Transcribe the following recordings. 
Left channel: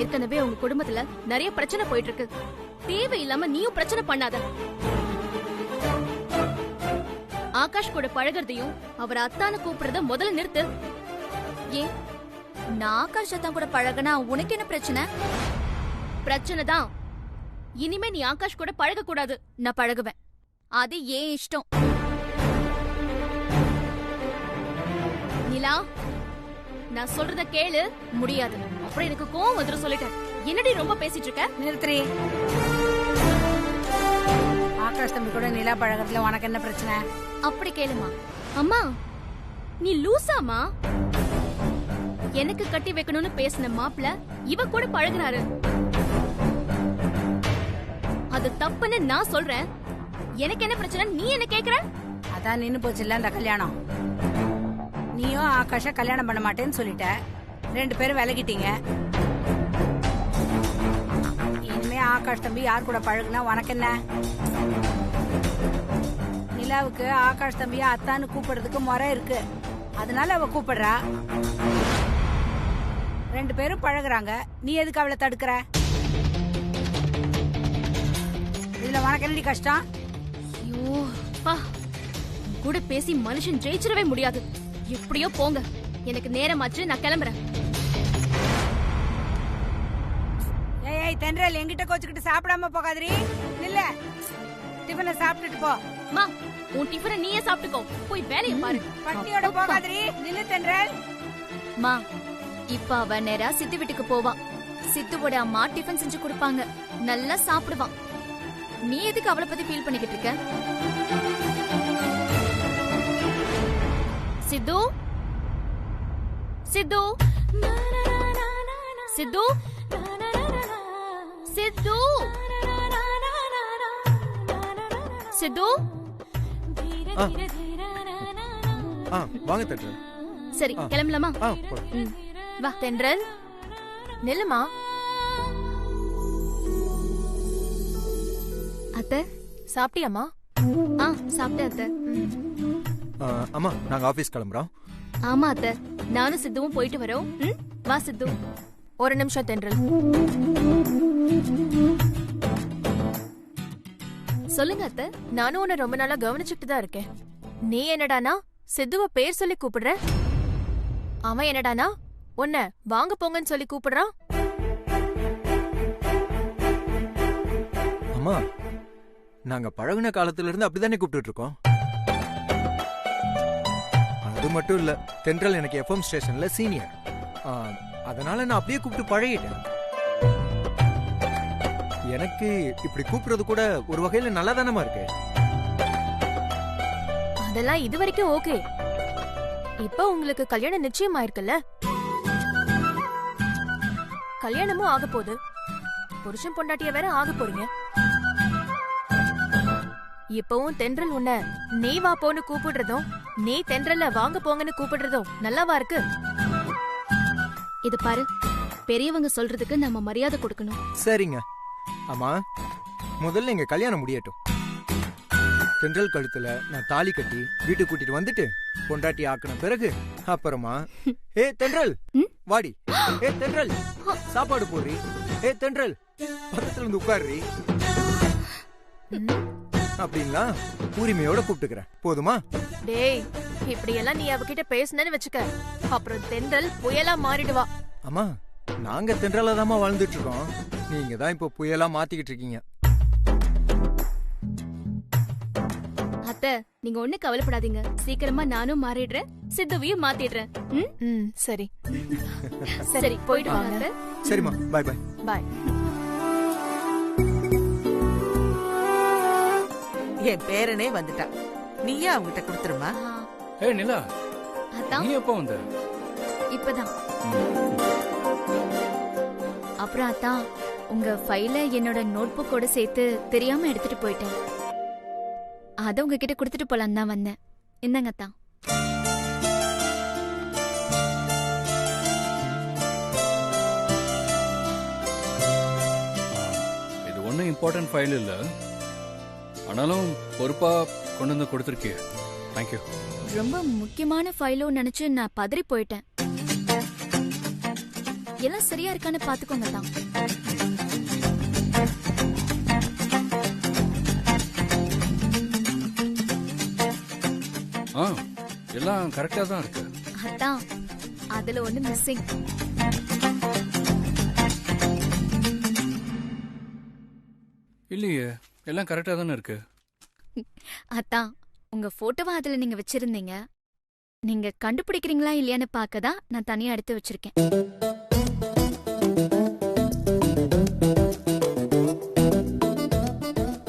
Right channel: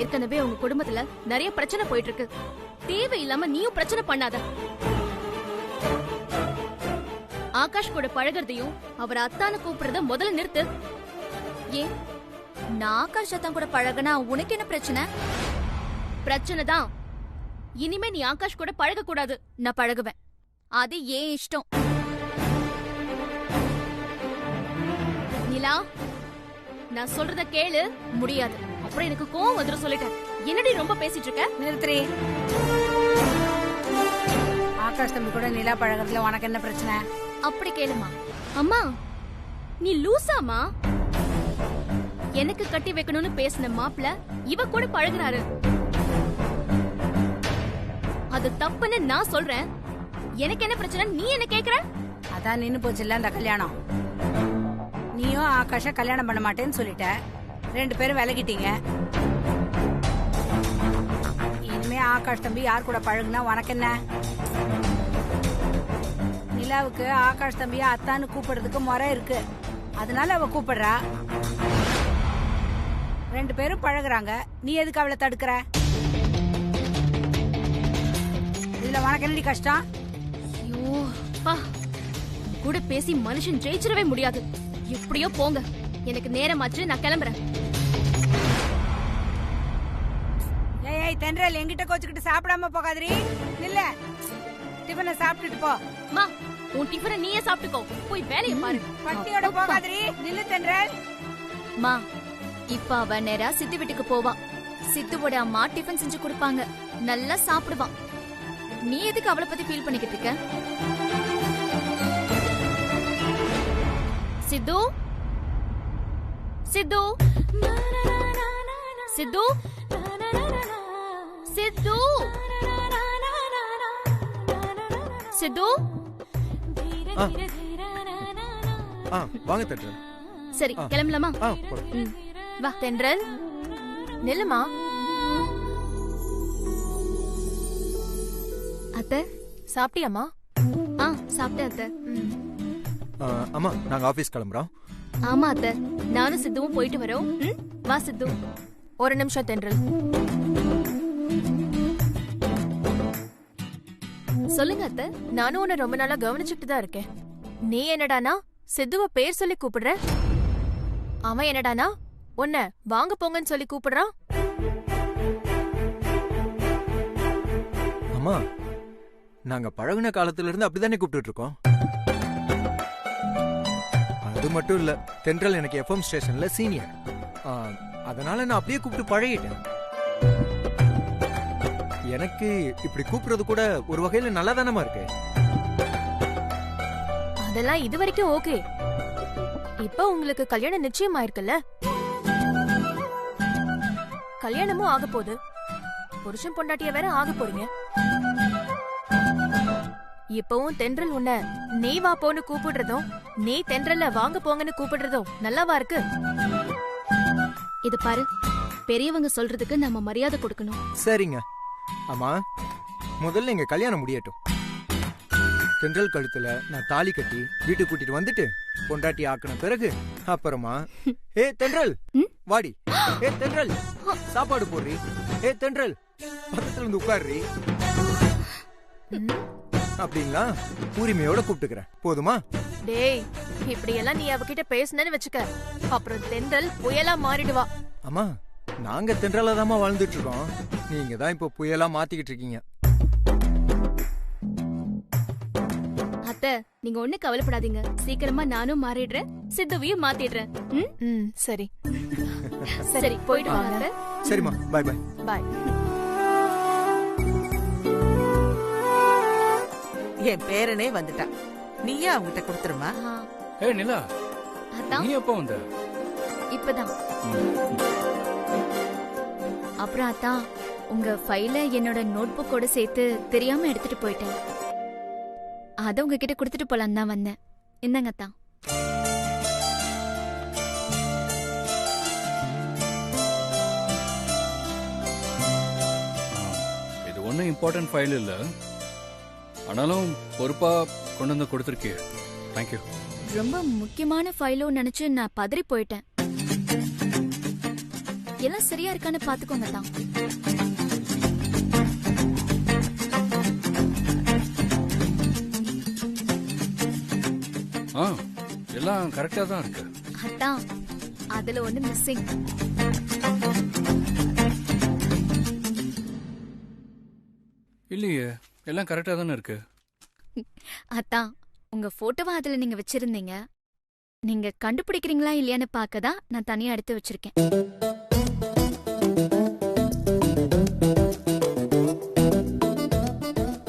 ஏற்கனவே உங்க குடும்பத்துல நிறைய பிரச்சனை போயிட்டு இருக்கு. தேவையில்லாம நீயும் பிரச்சனை பண்ணாத. ஆகாஷ் கூட பழகிறதையும் அவர் அத்தான கூப்பிடுறத முதல்ல நிறுத்து. ஏன் நான் ஆகாஷ் அத்தான் கூட பழகனா உனக்கு என்ன பிரச்சனை? பிரச்சனை தான். இனிமே நீ ஆகாஷ் கூட பழக கூடாது. நான் பழகுவேன், அது ஏன் இஷ்டம். நிலா, நான் சொல்றத கேளு. முடியாது. அப்புறம் எனக்கு கோவம் வந்துரும் சொல்லிட்டேன். என்னடி ரொம்ப பேசிட்டு இருக்க? நிறுத்துறி. ஆகாஷ் தம்பி கூட நிலா பழகிறதுல உனக்கு என்ன பிரச்சனை? அப்படி கேளுமா. அம்மா, நீ லூசாமா? எனக்கு கட்டி வைக்கணும்னு பேசின மாப்பிள்ள இவ கூட பழகுறாரு. அது தப்புன்னு நான் சொல்றேன். எனக்கு என்ன பிரச்சனை நீ என்ன கேக்குற? அதான் நின்னு போச்சுல்ல அந்த கல்யாணம். நீயும் ஆகாஷ கல்யாணம் பண்ண மாட்டேன்னு சொல்லிட்ட. 2 பேரும் விலகிட்டீங்க. இனிமே ஆகாஷ் தம்பி யார் கூட பழகுனா உனக்கு என்ன? நிலாவுக்கு ஆகாஷ் தம்பியா அத்தான்னு கூப்பிடுறதுக்கு முறை இருக்கு, அதனால அவ கூப்பிடுறா. 2 பேரும் பழகுறாங்க, நீ எதுக்கு அவளை தடுக்கிற? இதுல உனக்கு என்னடி கஷ்டம்? ஐயோ பா, கூட பேசி மனுஷன் ஜெயிச்சிடவே முடியாது. எப்படியோ போங்க, எனக்கு நேரமாச்சு, நான் கிளம்புறேன். ஏய் தென்றல், என்கிட்ட கோச்சுக்கிட்டு சாப்பிடாம போகாதீ. இல்ல, டிஃபனை சாப்பிட்டுட்டு போ. மா, உன் டிஃபனை நீயே சாப்பிட்டுக்கோ. போய் வேலையை பாரு. பட்டியோட போகாதீ. நில்லு தென்றல். மா, இப்ப அவ நேரா சித்து வீட்டுக்கு போவா. சித்துவோட அம்மா டிஃபன் செஞ்சு கொடுப்பாங்க, நல்லா சாப்பிடுவான். நீ எதுக்கு அவளை பத்தி ஃபீல் பண்ணிக்கிட்டு இருக்க? சித்து, சித்து, சித்து, சித்து, சித்து. வாங்க தென்றல். சரி, கிளம்பலாமா? வா தென்றல், நில்லுமா. அத்தை சாப்பிட்டியாமா? சாப்பிட்டேன் அத்தை. அம்மா, நாங்க ஆபீஸ் கிளம்புறோம். ஆமா அத்தை, நானும் சித்துவும் போயிட்டு வரோம். வா சித்து. ஒரு நிமிஷம் தென்றல். சொல்லுங்க அத்தை. நானும் உன்னை ரொம்ப நாளா கவனிச்சுட்டு தான் இருக்கேன். நீ என்னடானா சித்துவ பேர் சொல்லி கூப்பிடுற, அவன் என்னடானா உன்னை வாங்க போங்கன்னு சொல்லி கூப்பிடுறான். அம்மா, நாங்க பழகுன காலத்துல இருந்து அப்படிதானே கூப்பிட்டு இருக்கோம். அது மட்டும் இல்ல, தென்றல் எனக்கு எஃப்எம் ஸ்டேஷன்ல சீனியர், அதனால நான் அப்படியே கூப்பிட்டு பழகிட்டேன். எனக்கு இப்படி கூப்பிடுறது கூட ஒரு வகையில நல்லா தானமா இருக்கு. அதெல்லாம் இது வரைக்கும் ஓகே. இப்ப உங்களுக்கு கல்யாணம் நிச்சயம் ஆயிருக்குல்ல, கல்யாணமும் ஆக போகுது, புருஷன் பொண்டாட்டிய வேற ஆக போறீங்க. இப்பவும் தென்றல் உன்னை நீ வா போன்னு கூப்பிடுறதும் நீ தென்றல்ல வாங்க போங்கன்னு கூப்பிடுறதும் நல்லாவா இருக்கு? இது பாரு, பெரியவங்க சொல்றதுக்கு நம்ம மரியாதை கொடுக்கணும். சரிங்க. அம்மா, முதல்ல எங்க கல்யாணம் முடியட்டும். தென்றல் கழுத்துல நான் தாலி கட்டி வீட்டுக்கு கூட்டிட்டு வந்துட்டு பொண்டாட்டி ஆக்கின பிறகு அப்புறமா ஏ தென்றல் வாடி, ஏ தென்றல் சாப்பாடு போடுறி, ஏ தென்றல் பக்கத்துல இருந்து உட்காருறி அப்படிங்களா உரிமையோட கூப்பிட்டுக்கிறேன். போதுமா? டேய், இப்படி எல்லாம் நீ அவகிட்ட பேசுனேன்னு வச்சுக்க, அப்புறம் தென்றல் புயலா மாறிடுவா. அம்மா, நாங்க தென்றலா தாமா வாழ்ந்துட்டு இருக்கோம், நீங்க தான் இப்ப புயலா மாத்திக்கிட்டு இருக்கீங்க. அத்தை, நீங்க ஒண்ணு கவலைப்படாதீங்க. சீக்கிரமா நானும் மாறிடுறேன், சித்துவையும் மாத்திடுறேன். சரி சரி, போயிட்டு வாங்க. சரிம்மா, பாய் பாய். பாய். என் பேரனே வந்துட்டான், நீயே அவங்கிட்ட கொடுத்துருமா. ஏய் நிலா, அதான் நீ எப்போ வந்த? இப்பதான். அப்புறம் அதான், உங்க ஃபைல என்னோட நோட்புக்கோட சேர்த்து தெரியாம எடுத்துட்டு போயிட்டேன். அத உங்ககிட்ட கொடுத்துட்டு போலாம் தான் வந்தேன். என்னங்க அத்தான்? இது ஒன்றும் இம்பார்ட்டன்ட் ஃபைல் இல்ல, ஆனாலும் பொறுப்பா கொண்டு வந்து கொடுத்துருக்கிய. தேங்க்யூ. ரொம்ப முக்கியமான ஃபைலோ நினைச்சு நான் பதறி போயிட்டேன். எல்லாம் சரியா இருக்கான்னு பாத்துக்கோங்க தான். எல்லாம் கரெக்டா தான் இருக்கு. அதான் அதுல ஒண்ணு மிஸ்ஸிங். இல்லையே, எல்லாம் கரெக்டா தானே இருக்கு. அதான் உங்க போட்டோவா அதுல நீங்க வச்சிருந்தீங்க. நீங்க கண்டுபிடிக்கிறீங்களா இல்லையான்னு பாக்கதான் நான் தனியா எடுத்து வச்சிருக்கேன்.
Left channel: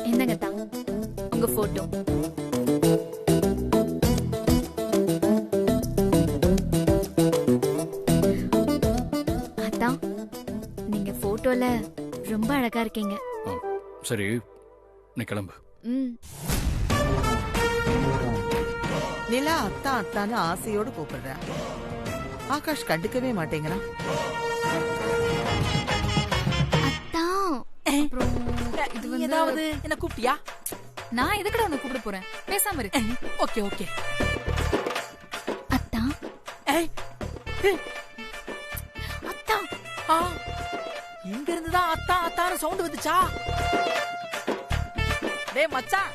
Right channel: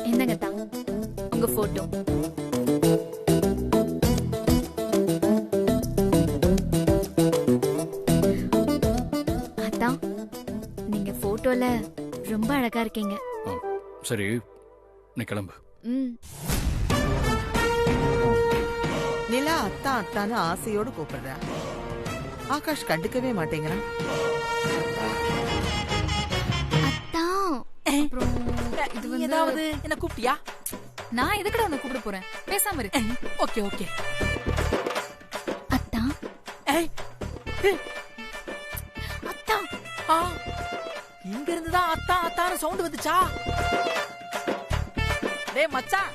என்னங்க தான் உங்க போட்டோ. அதான் நீங்க போட்டோல ரொம்ப அழகா இருக்கீங்க. சரி, நீ கிளம்பு. நிலா அத்தா அத்தான்னு ஆசையோடு கூப்பிடுறா. ஆகாஷ் கண்டுக்கவே மாட்டேங்கிறான். ஏதாவது என்ன கூப்பிட்டியா? நான் எதுக்கட உன்னை கூப்பிட போறேன், பேசாம இரு. Okay okay. அத்தா அத்தா இங்க இருந்துதான் அத்தா அத்தான்னு சவுண்ட் வந்துச்சா? டேய் மச்சான்,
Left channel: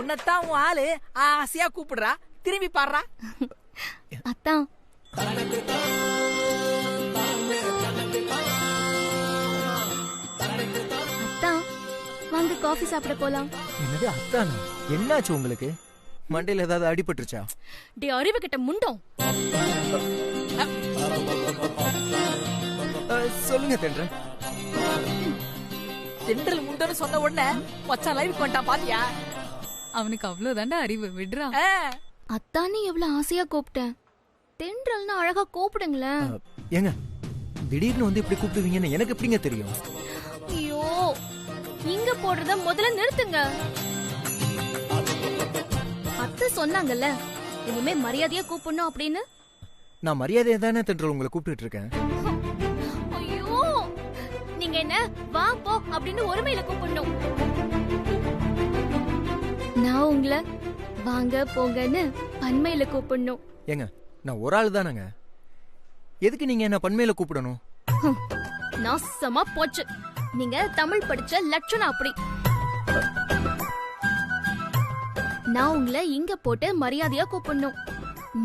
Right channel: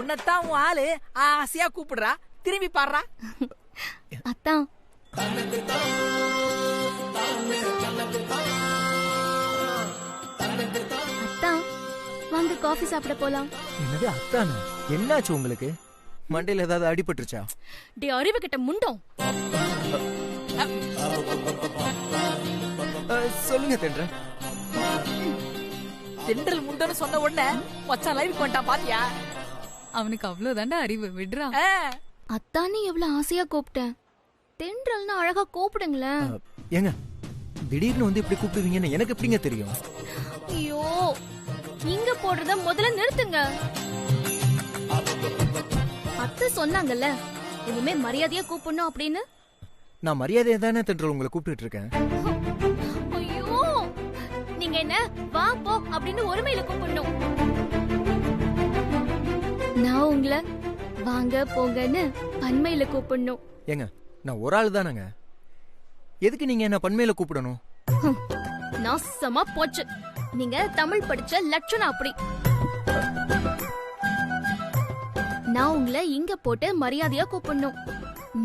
உன்னத்தான் உன் ஆளு ஆசையா கூப்பிடுறா, திரும்பி பாடுறா. அத்தா அத்தா வாங்க காஃபி சாப்பிட போலாம். என்னது அத்தானா? என்னாச்சு உங்களுக்கு? மண்டையில ஏதாவது அடிபட்டுருச்சா? டே அறிவு கிட்ட முண்டோம். சொல்லுங்க தென்றல். தென்றல் முண்டன்னு சொன்ன உடனே மச்சான் லைவுக்கு வந்துட்டான் பாத்தியா? அவனுக்கு அவ்வளவுதாண்டா அறிவு, விடுறா. அத்தானே எவ்வளவு ஆசையா கூப்பிட்டேன். தென்றல்னு அழகா கூப்பிடுங்களேன். ஏங்க திடீர்னு வந்து இப்படி கூப்பிடுவீங்கன்னு எனக்கு எப்படிங்க தெரியும்? ஐயோ, இங்க போடுறத முதல்ல நிறுத்துங்க. அத்தை சொன்னாங்கல்ல இனிமே மரியாதையா கூப்பிடணும் அப்படின்னு. நான் மரியாதையா தானே தென்றல் உங்களை கூப்பிட்டு இருக்கேன். ஐயோ, நீங்க என்ன வா போ அப்படின்னு ஒருமையில கூப்பிடணும். நான் உங்களை வாங்க போங்கன்னு பன்மையில கூப்பிடணும். ஏங்க நான் ஒரு ஆள் தானங்க, எதுக்கு நீங்க என்ன பன்மையில கூப்பிடணும்? நாசமா போச்சு. நீங்க தமிழ் படிச்ச லட்சணம் அப்படி. நான் உங்களை இங்க போட்டு மரியாதையா கூப்பிடணும்.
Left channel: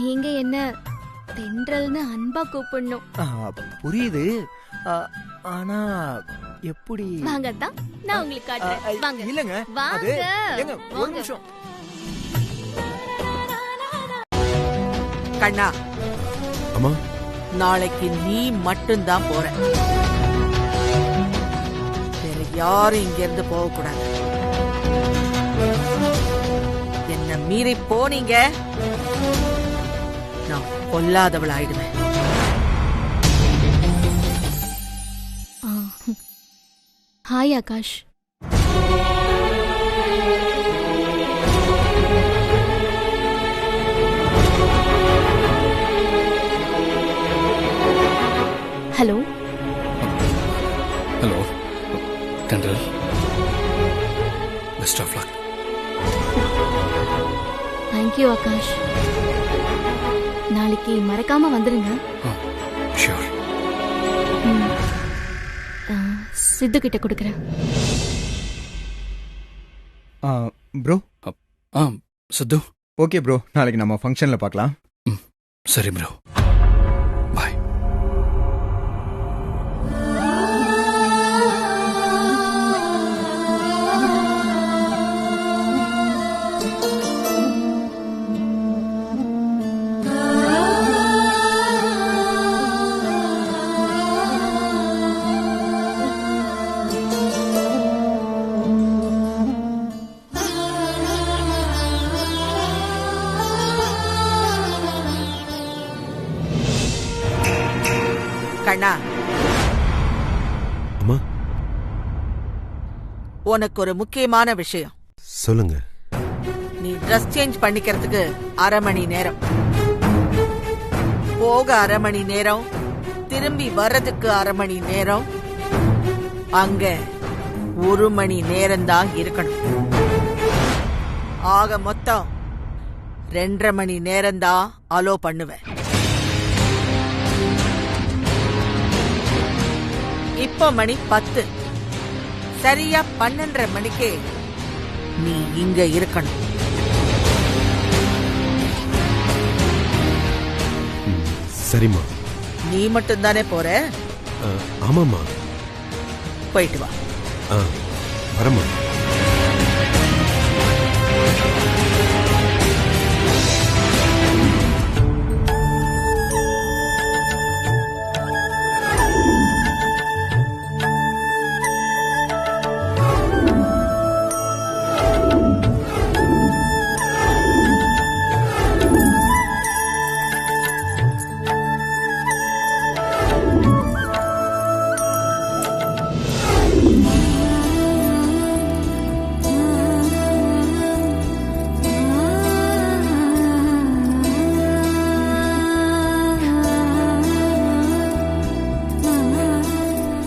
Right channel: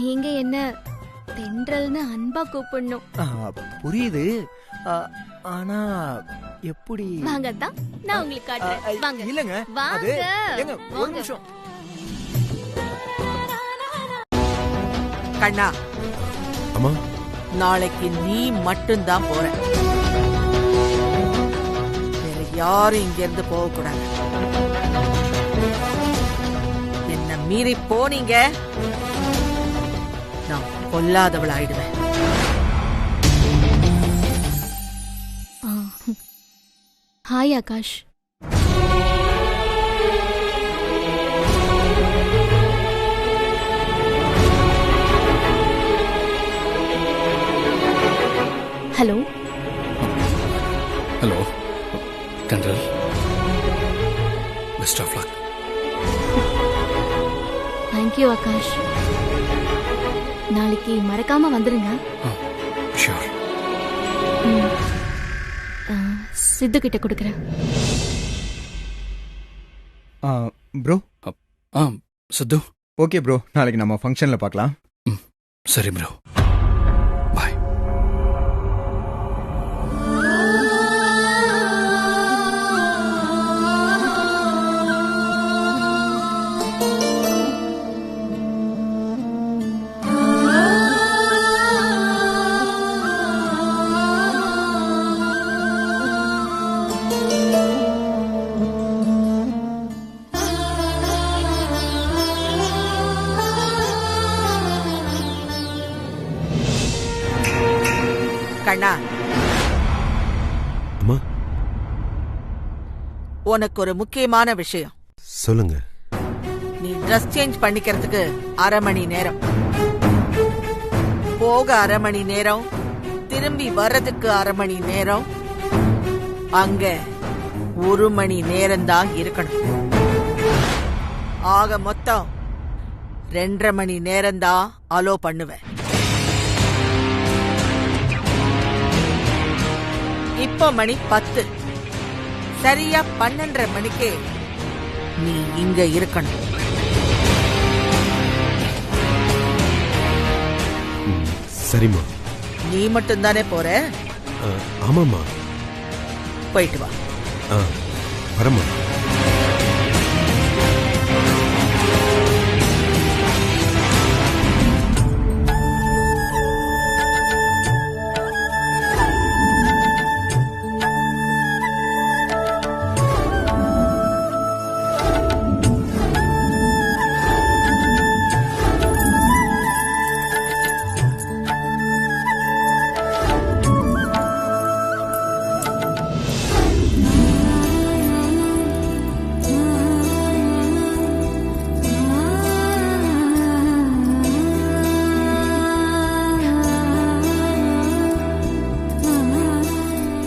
நீங்க என்ன தென்றல்னு அன்பா கூப்பிடணும். புரியுது, ஆனா எப்படி? வாங்க தான் நான் உங்களுக்கு காட்டுறேன். வாங்க. இல்லங்க அது ஏங்க ஒரு நிமிஷம். கண்ணா அம்மா, நாளைக்கு நீ மட்டும்தான் போற. வேற யாரும் இங்க இருந்து போக கூடாது. என்ன மீறி போனீங்க நான் கொல்லாதவள் ஆயிடுவேன். Hi Akash. Hello. Hello Thendral, best of luck. Thank you Akash. நாளைக்கு மறக்காம வந்துருங்க. ஷூர். சித்து கிட்ட கொடுக்கறேன். ப்ரோ. சித்து. ஓகே ப்ரோ, நாளைக்கு நம்ம ஃபங்க்ஷன்ல பார்க்கலாம். சரி ப்ரோ, பாய். கண்ணா, அம்மா, உனக்கு ஒரு முக்கியமான விஷயம். சொல்லுங்க. நீ ட்ரெஸ் சேஞ்ச் பண்ணிக்கிறதுக்கு 1/2 மணி நேரம், போக 1/2 மணி நேரம், திரும்பி வர்றதுக்கு 1/2 மணி நேரம், அங்க 1 மணி நேரம் தான் இருக்கணும். ஆக மொத்தம் 2.5 மணி நேரம் தான் அலோ பண்ணுவேன். இப்போ மணி 10. சரியா 12:30 மணிக்கு நீ இங்க இருக்கணும். சரிம்மா. நீ மட்டும்தானே போற? ஆமாம்மா. போயிட்டு வா. வரம்மா.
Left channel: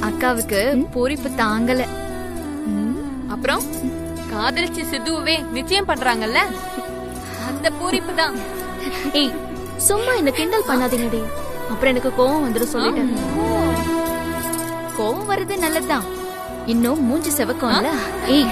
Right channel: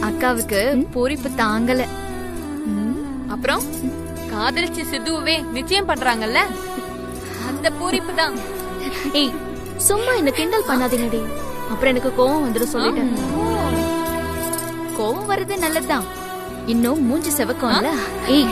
அக்காவுக்கு பூரிப்பு தாங்கல. அப்புறம் காதலிச்சு சித்துவே நிச்சயம் பண்றாங்கல்ல, அந்த பூரிப்பு தான். ஏய், சும்மா என்ன கிண்டல் பண்ணாதீங்கடி, அப்புறம் எனக்கு கோவம் வந்துடும் சொல்லிட்டேன். கோவம் வருது நல்லதுதான், இன்னும் மூஞ்சி செவக்கும்ல. ஏய்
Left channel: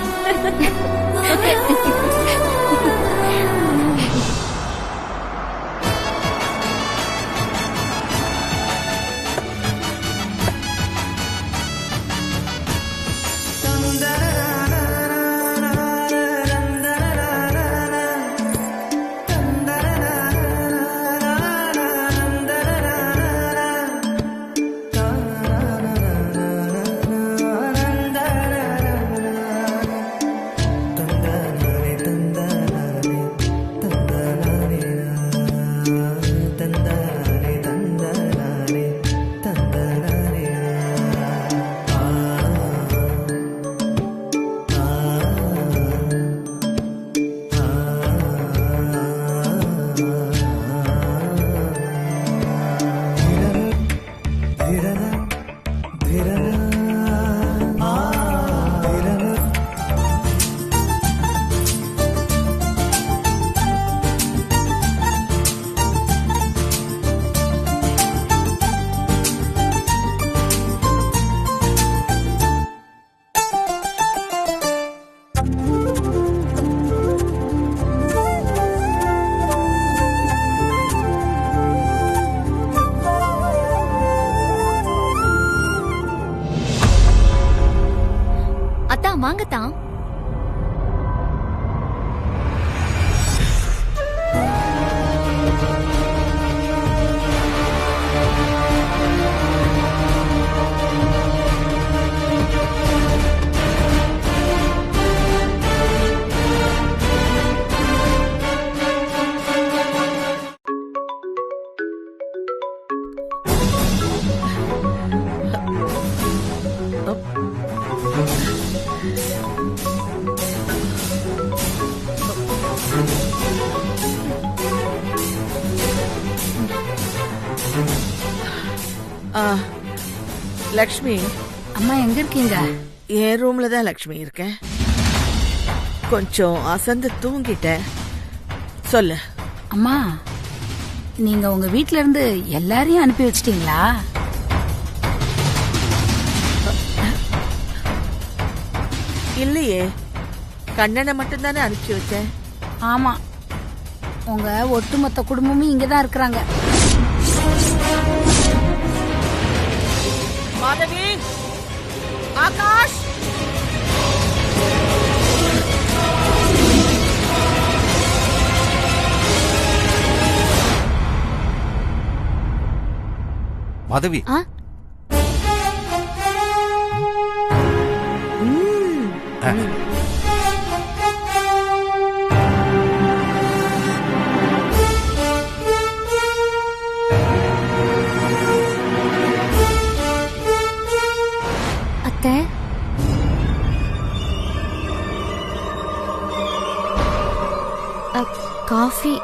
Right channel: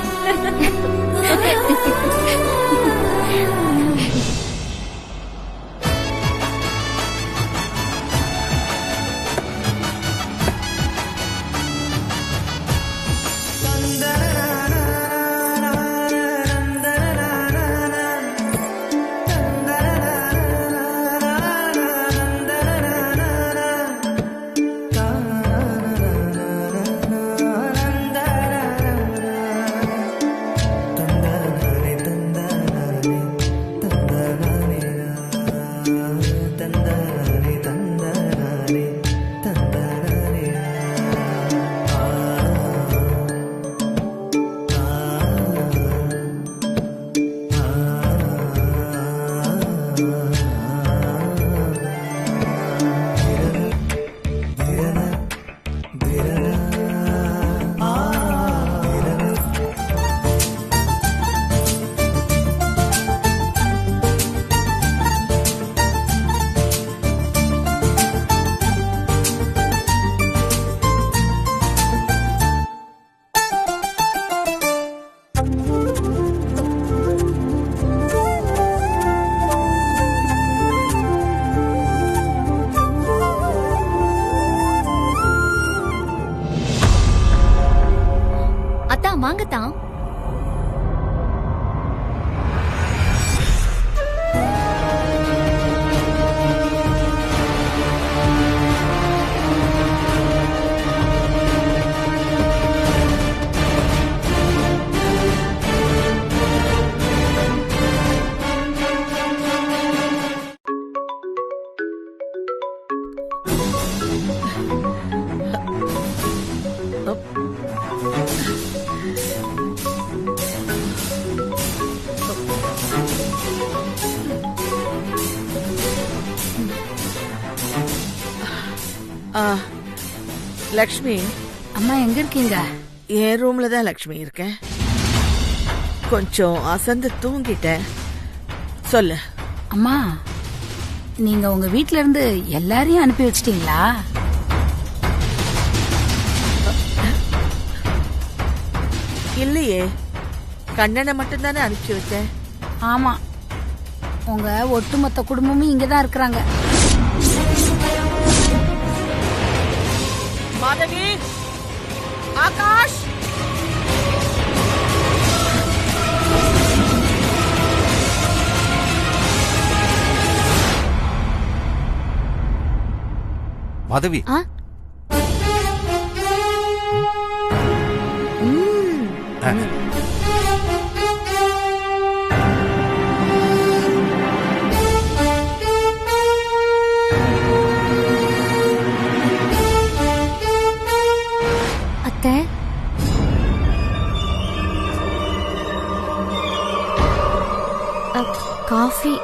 வாங்கத்தான். லக்ஷ்மி. அம்மா எங்க இருக்கீங்க? என் ரூம்ல தான் லக்ஷ்மி இருக்கேன். கொஞ்சம் அசந்து தூங்கிட்டேன். சொல்லு. அம்மா, நீங்க உங்க வீட்ல இருந்து எல்லாரையும் அனுப்பி வச்சிட்டீங்களா? இல்லையே, கண்ணனை மட்டும் தானே அனுப்பிச்சு வச்சேன். ஆமா, உங்க ஒட்டுமொத்த குடும்பமும் இங்கதான் இருக்கிறாங்க. மாதவி, ஆகாஷ், மாதவி. அத்தை, காஃபி.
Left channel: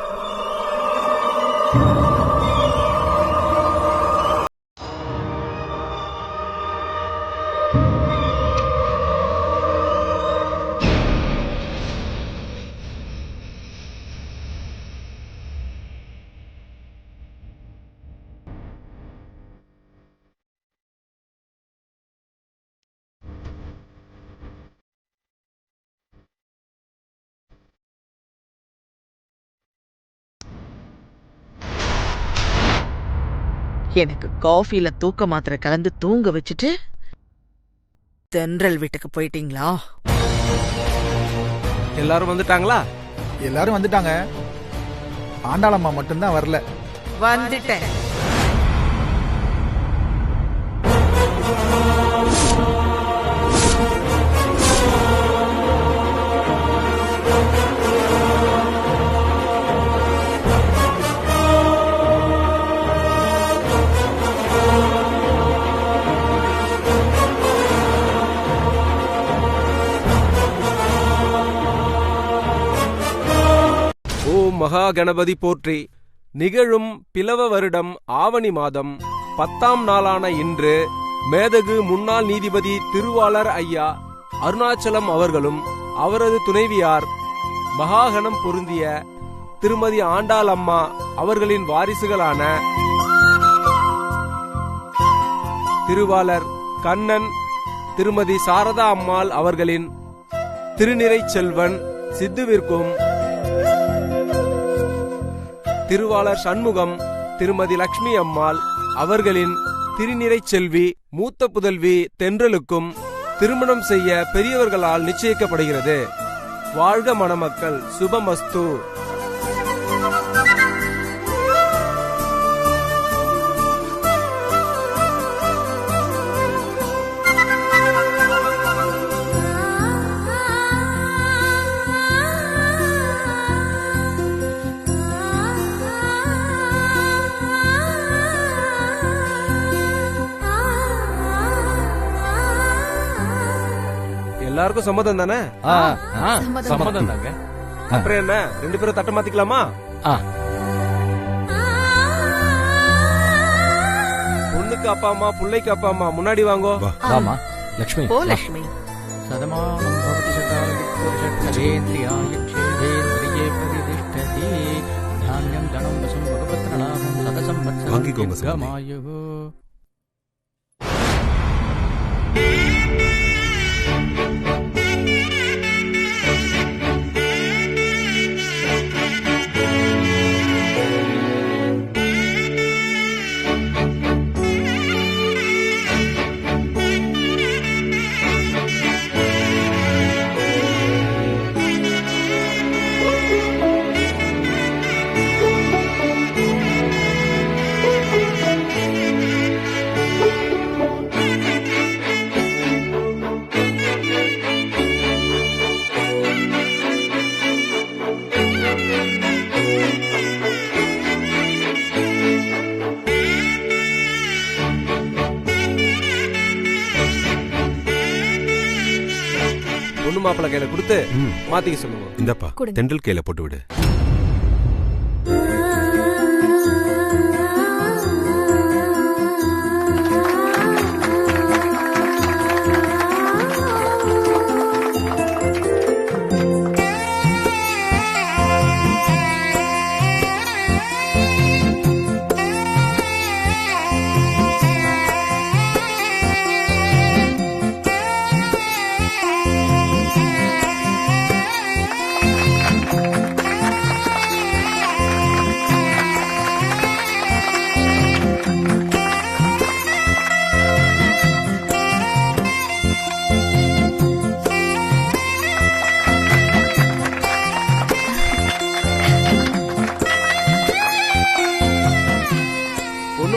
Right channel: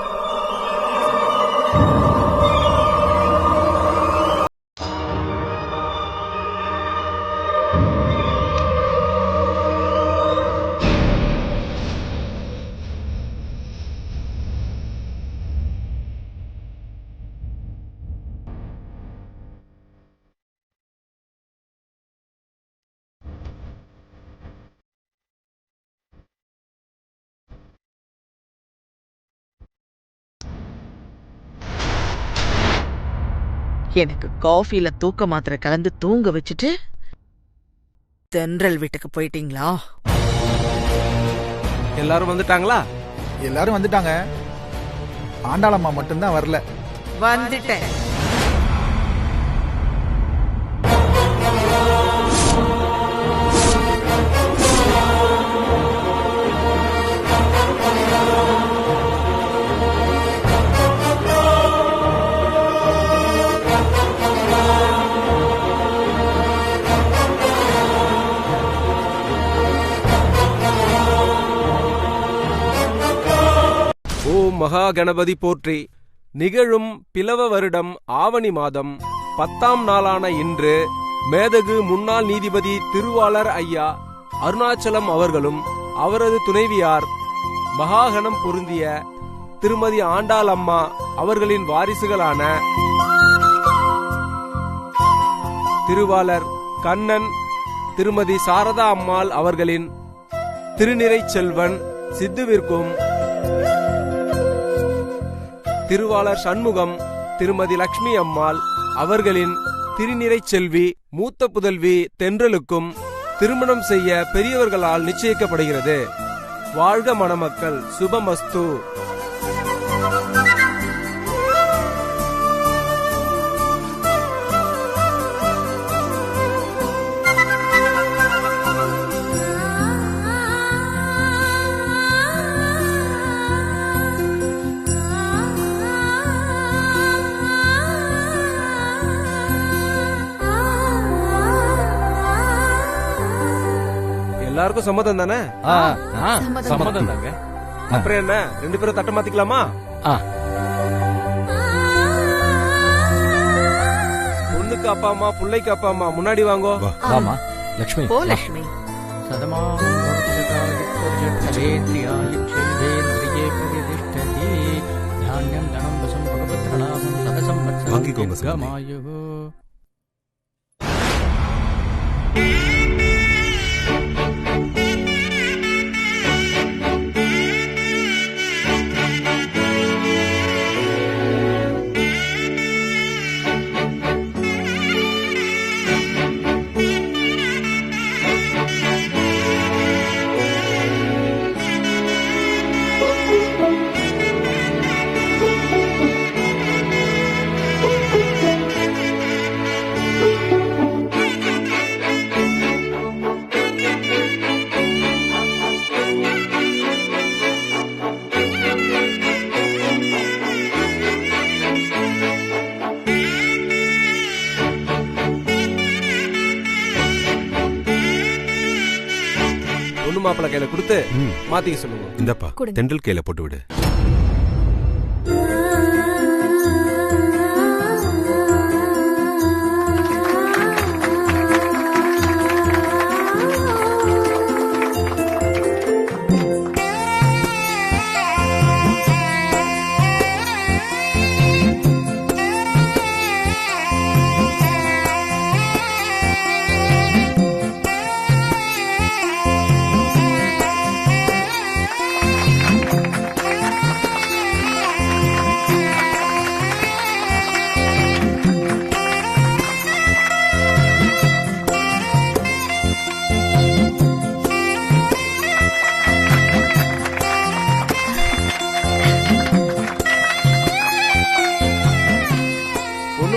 எனக்கு காஃபில தூக்க மாத்திரை கலந்து தூங்க வச்சுட்டு தென்றல் வீட்டுக்கு போயிட்டீங்களா? எல்லாரும் வந்துட்டாங்களா? எல்லாரும் வந்துட்டாங்க. ஆண்டாளம்மா மட்டும்தான் வரல. வந்துட்டேன். ஓம் மகா கணபதி போற்றி. நிகழும் பிலவ வருடம் ஆவணி மாதம் 10ஆம் நாளான இன்று மேதகு முன்னாள் நீதிபதி திருவாளர் ஐயா அருணாச்சலம் அவர்களும் அவரது துணைவியார் மகாகணம் பொருந்திய திருமதி ஆண்டாள் அம்மா அவர்களின் வாரிசுகளான திருவாளர் கண்ணன் திருமதி சாரதா அம்மாள் அவர்களின் திருநிறை செல்வன் சித்துவிற்கும் திருவாளர் சண்முகம் திருமதி லட்சுமி அம்மாள் அவர்களின் திருநிறை செல்வி மூத்த புதல்வி தென்றலுக்கும் திருமணம் செய்ய பெரியவர்களால் நிச்சயிக்கப்படுகிறது. வாழ்க மணமக்கள், சுபமஸ்து. எல்லாருக்கும் சம்மதம் தானே? சம்மதம் தாங்க. அப்புறம் என்ன, 2 பேரும் தட்ட மாத்திக்கலாமா? பொண்ணுக்கு அப்பா அம்மா, பிள்ளைக்கு அப்பா அம்மா முன்னாடி வாங்கோ. வாமா லட்சுமி. போ லட்சுமி. சதமானம் பவதி சதாயி புருஷேந்திரியாய சேவேந்திரியே பிரதிஷ்டதி தானியம் தனம் வசம் பகவத்ரலாபம் சதசம் வாங்கிக்கோங்க சாமி. வத்சமாயு. பொண்ணு மாப்பிள்ள கையில கொடுத்து மாத்திக்க சொல்லுங்க. இந்தப்பா தென்றல் கையில போட்டு விடு.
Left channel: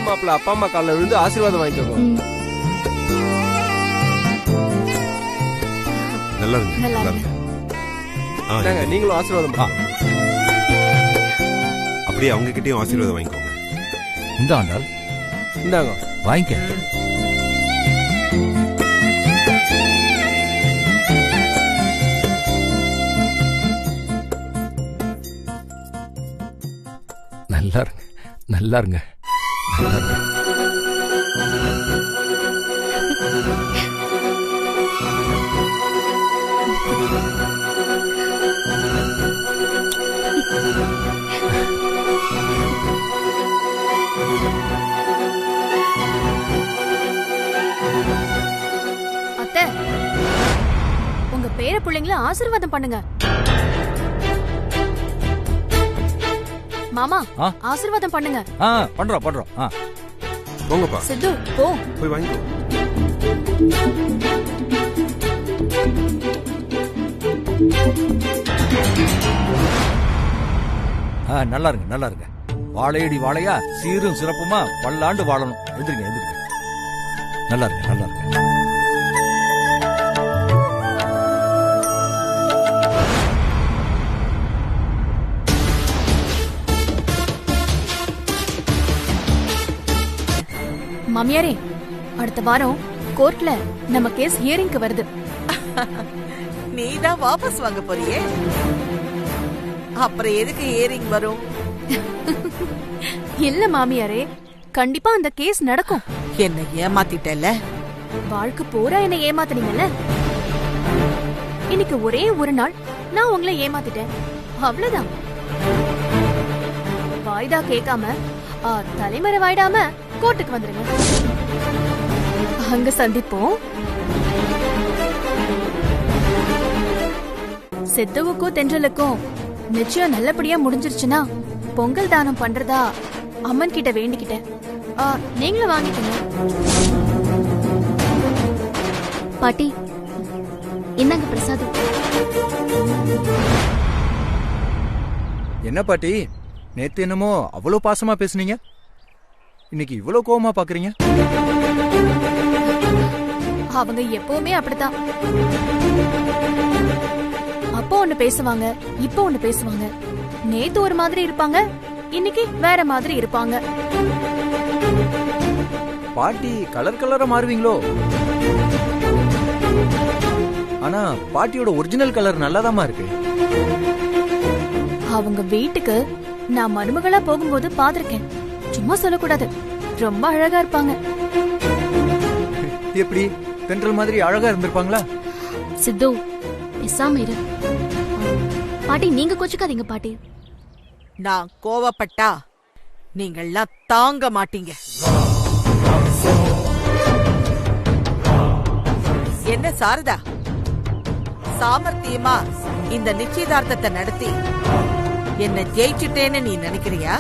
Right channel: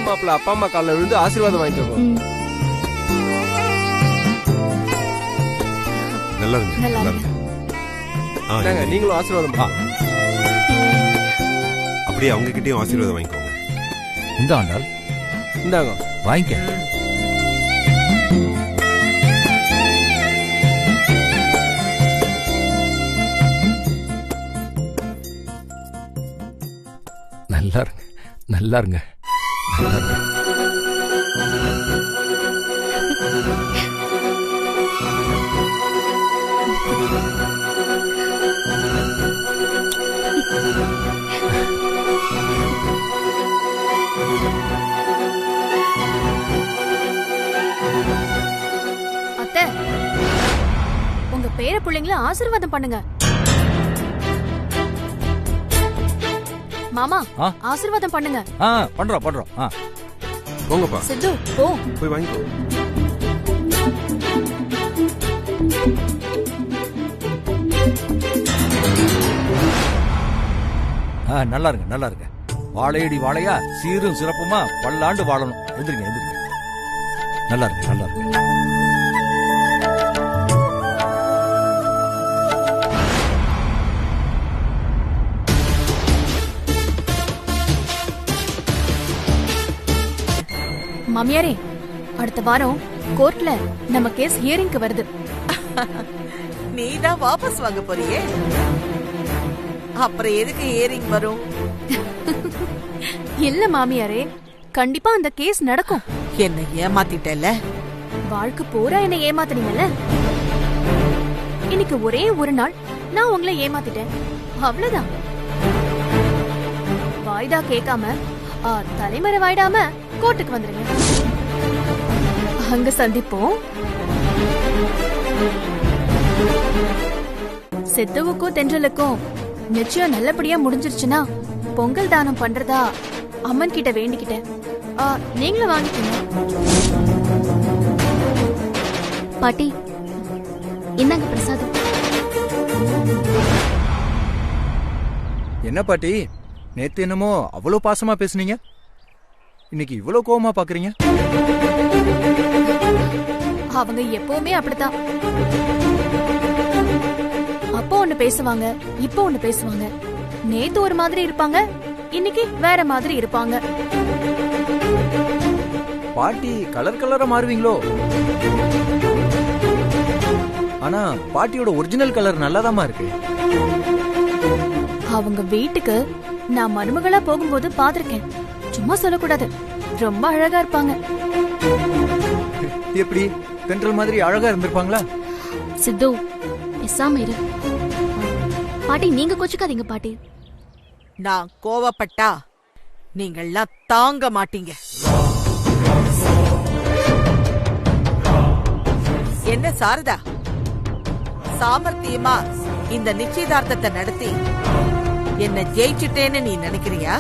மாப்பிள்ள அப்பா அம்மா காலில் விழுந்து ஆசீர்வாதம் வாங்கிக்கோங்க. நல்லா இருங்க, நல்லா இருங்க. நீங்களும் ஆசீர்வாதம் அப்படியே அவங்க கிட்டயும் ஆசீர்வாதம் வாங்கிக்கோங்க. இந்த ஆண்டாள் இந்தாங்க வாங்கிக்க. நல்லா இருங்க, நல்லா இருங்க. அத்தை, உங்க பேர பிள்ளைங்கள ஆசீர்வாதம் பண்ணுங்க. மாமா ஆசீர்வாதம் பண்ணுங்க. பண்றோம் பண்றோம். போங்கப்பா சித்து போ. போய் வாங்கிக்கோ. நல்லா இருங்க, நல்லா இருங்க. வாழையடி வாழையா சீரும் சிறப்புமா பல்லாண்டு வாழணும். எந்திரிங்க, எந்திரிங்க. நல்லா இருங்க, நல்லா இருங்க. மாமியாரே, அடுத்த வாரம் கோர்ட்ல நம்ம கேஸ் ஹியரிங்க்கு வருது. நீதான் வாபஸ் வாங்க போறியே, அப்புறம் எதுக்கு ஹியரிங் வரும்? இல்ல மாமியாரே, கண்டிப்பா அந்த கேஸ் நடக்கும். என்ன ஏமாத்திட்டல? வாழ்க்கை பூரா என்ன ஏமாத்துனீங்கல்ல, இன்னைக்கு ஒரே ஒரு நாள் நான் உங்களை ஏமாத்திட்டேன், அவ்வளவுதான். வாய்தா கேட்காம தலைமறை வாயிடாம கோர்ட்டுக்கு வந்துருங்க. அங்க சந்திப்போம். சித்துவுக்கும் தென்றலுக்கும் நிச்சயம் நல்லபடியா முடிஞ்சிருச்சுன்னா பொங்கல் தானம் பண்றதா அம்மன் கிட்ட வேண்டிக்கிட்டேன். நீங்களும் வாங்கிக்கோங்க. பாட்டி, இந்தாங்க பிரசாதம். என்ன பாட்டி, நேத்து என்னமோ அவ்வளவு பாசமா பேசுனீங்க, இன்னைக்கு இவ்வளவு கோவமா பாக்குறீங்க? அவங்க எப்பவுமே அப்படித்தான். அப்போ ஒண்ணு பேசுவாங்க, இப்போ ஒண்ணு பேசுவாங்க. நேத்து ஒரு மாதிரி இருப்பாங்க, இன்னைக்கு வேற மாதிரி இருப்பாங்க. பாட்டி கலர் கலரா மாறுவீங்களோ? ஆனா பாட்டியோட ஒரிஜினல் கலர் நல்லாதாமா இருக்கு. அவங்க வீட்டுக்கு நான் மருமகளா போகும்போது பாத்திருக்கேன். சும்மா சொல்லக்கூடாது, ரொம்ப அழகா இருப்பாங்க. எப்படி தென்றல் மாதிரி அழகா இருந்திருப்பாங்களா? சித்து, பேசாம இரு. பாட்டி, நீங்க கொச்சுக்காதீங்க பாட்டி. நான் கோவப்பட்டா நீங்கள்லாம் தாங்க மாட்டீங்க. என்ன சாரதா, சாமர்த்தியமா இந்த நிச்சயதார்த்தத்தை நடத்தி என்ன ஜெயிச்சுட்டேன்னு நீ நினைக்கிறியா?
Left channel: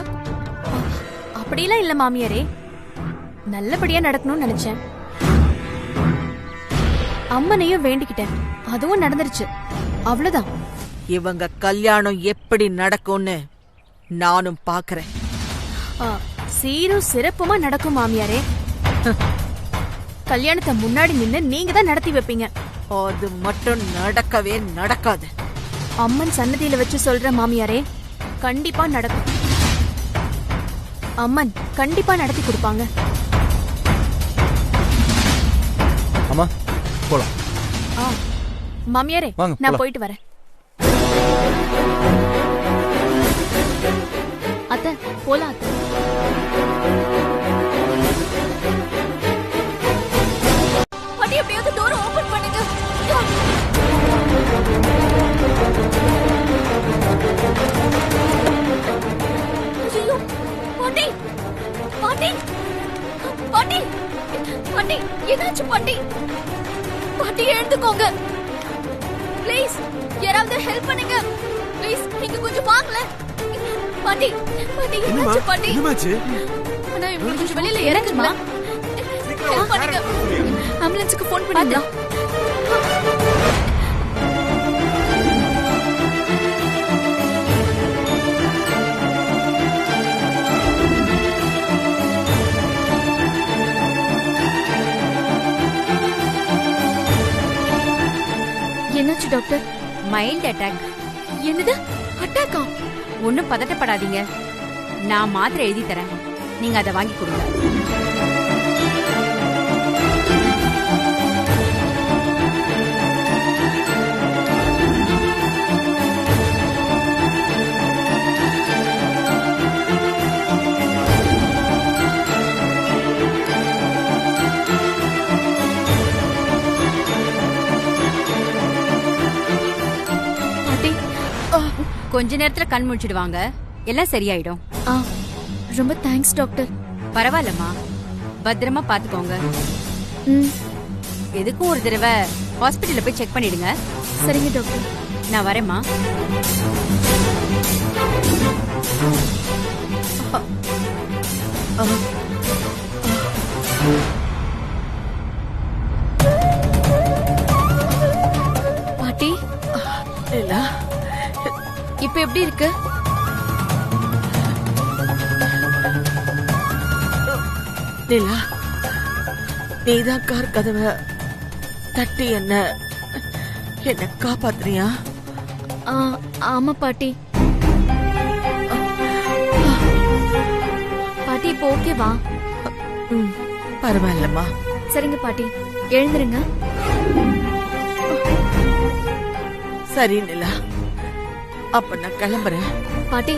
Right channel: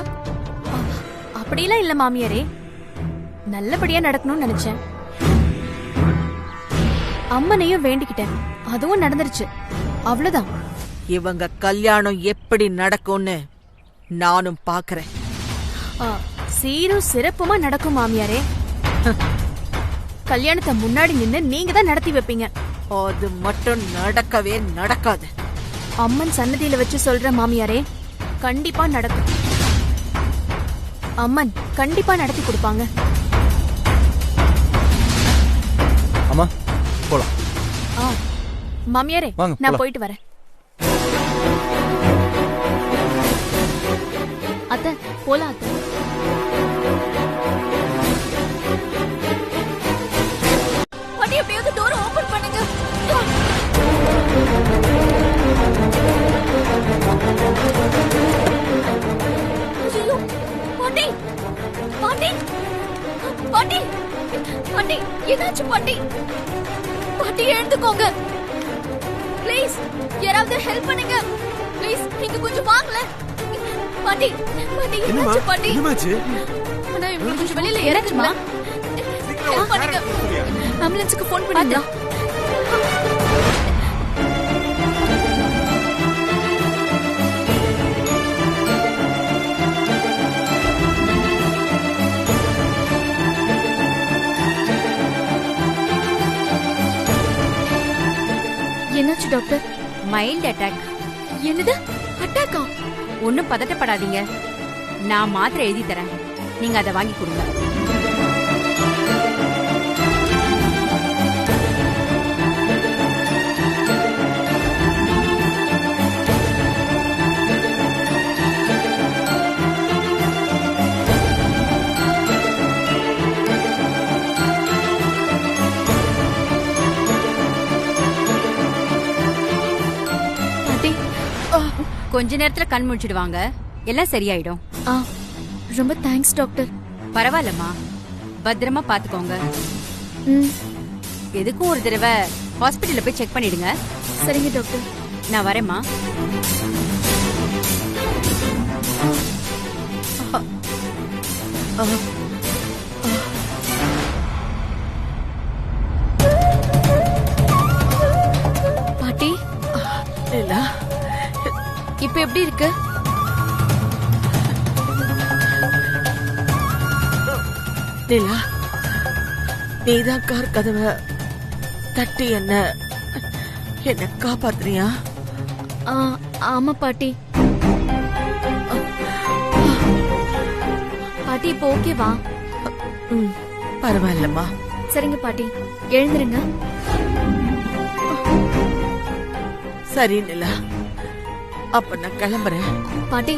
அப்படிலாம் இல்ல மாமியாரே, நல்லபடியா நடக்கணும்னு நினைச்சேன். அம்மனையும் வேண்டிக்கிட்டேன், அதுவும் நடந்துருச்சு, அவ்வளவுதான். இவங்க கல்யாணம் எப்படி நடக்கும்னு நானும் பாக்குறேன். சீரும் சிறப்புமா நடக்கும் மாமியாரே. கல்யாணத்தை முன்னாடி நின்னு நீங்க தான் நடத்தி வைப்பீங்க. அது மட்டும் நடக்கவே நடக்காது. அம்மன் சன்னதியில வச்சு சொல்ற மாமியாரே, கண்டிப்பா நடக்கும். அம்மன் கண்டிப்பா நடத்தி கொடுப்பாங்க. அம்மா போலாம். மாமியாரே, நான் போயிட்டு வரேன். அத்தை போலாம். அத்தை, பாட்டி எப்படியாவது டோர் ஓபன் பண்ணுங்க. ஐயோ, பாட்டி பாட்டி பாட்டி பாட்டி, என்னாச்சு பாட்டி? பாட்டி எழுந்துக்கோங்க ப்ளீஸ். யாராவது ஹெல்ப் பண்ணுங்க ப்ளீஸ். இங்க கொஞ்சம் வாங்கல பாட்டி. பாட்டி என்னாச்சு பாட்டி? அண்ணா, இவங்க கொஞ்சம் வெளியில இறங்குமா? ஹெல்ப் பண்ணுங்க. ஆம்புலன்ஸ்க்கு ஃபோன் பண்ணுங்க. என்னாச்சு டாக்டர்? Mild attack. என்னது, அட்டாக்கா? ஒன்னும் பதட்டப்படாதீங்க, நான் மாத்திரை எழுதி தரேன், நீங்க அதை வாங்கி கொடுங்க. கொஞ்ச நேரத்துல கண் முடிச்சிடுவாங்க, எல்லாம் சரியாயிடும். ரொம்ப தேங்க்ஸ் டாக்டர். பரவாயில்லம்மா, பத்திரமா பாத்துக்கோங்க. எதுக்கும் ஒரு தடவை ஹாஸ்பிட்டல்ல போய் செக் பண்ணிடுங்க. சரிங்க டாக்டர். நான் வரேம்மா. இப்ப எப்படி இருக்கு? நிலா, நீதான் கார் கதவை தட்டி என்ன காப்பாத்துறியா? ஆமா பாட்டி. பாட்டி இப்போ ஓகேவா? பரவாயில்லம்மா. சரிங்க பாட்டி, எழுந்துருங்க. சரி நிலா, அப்ப நான் கிளம்புறேன். பாட்டி,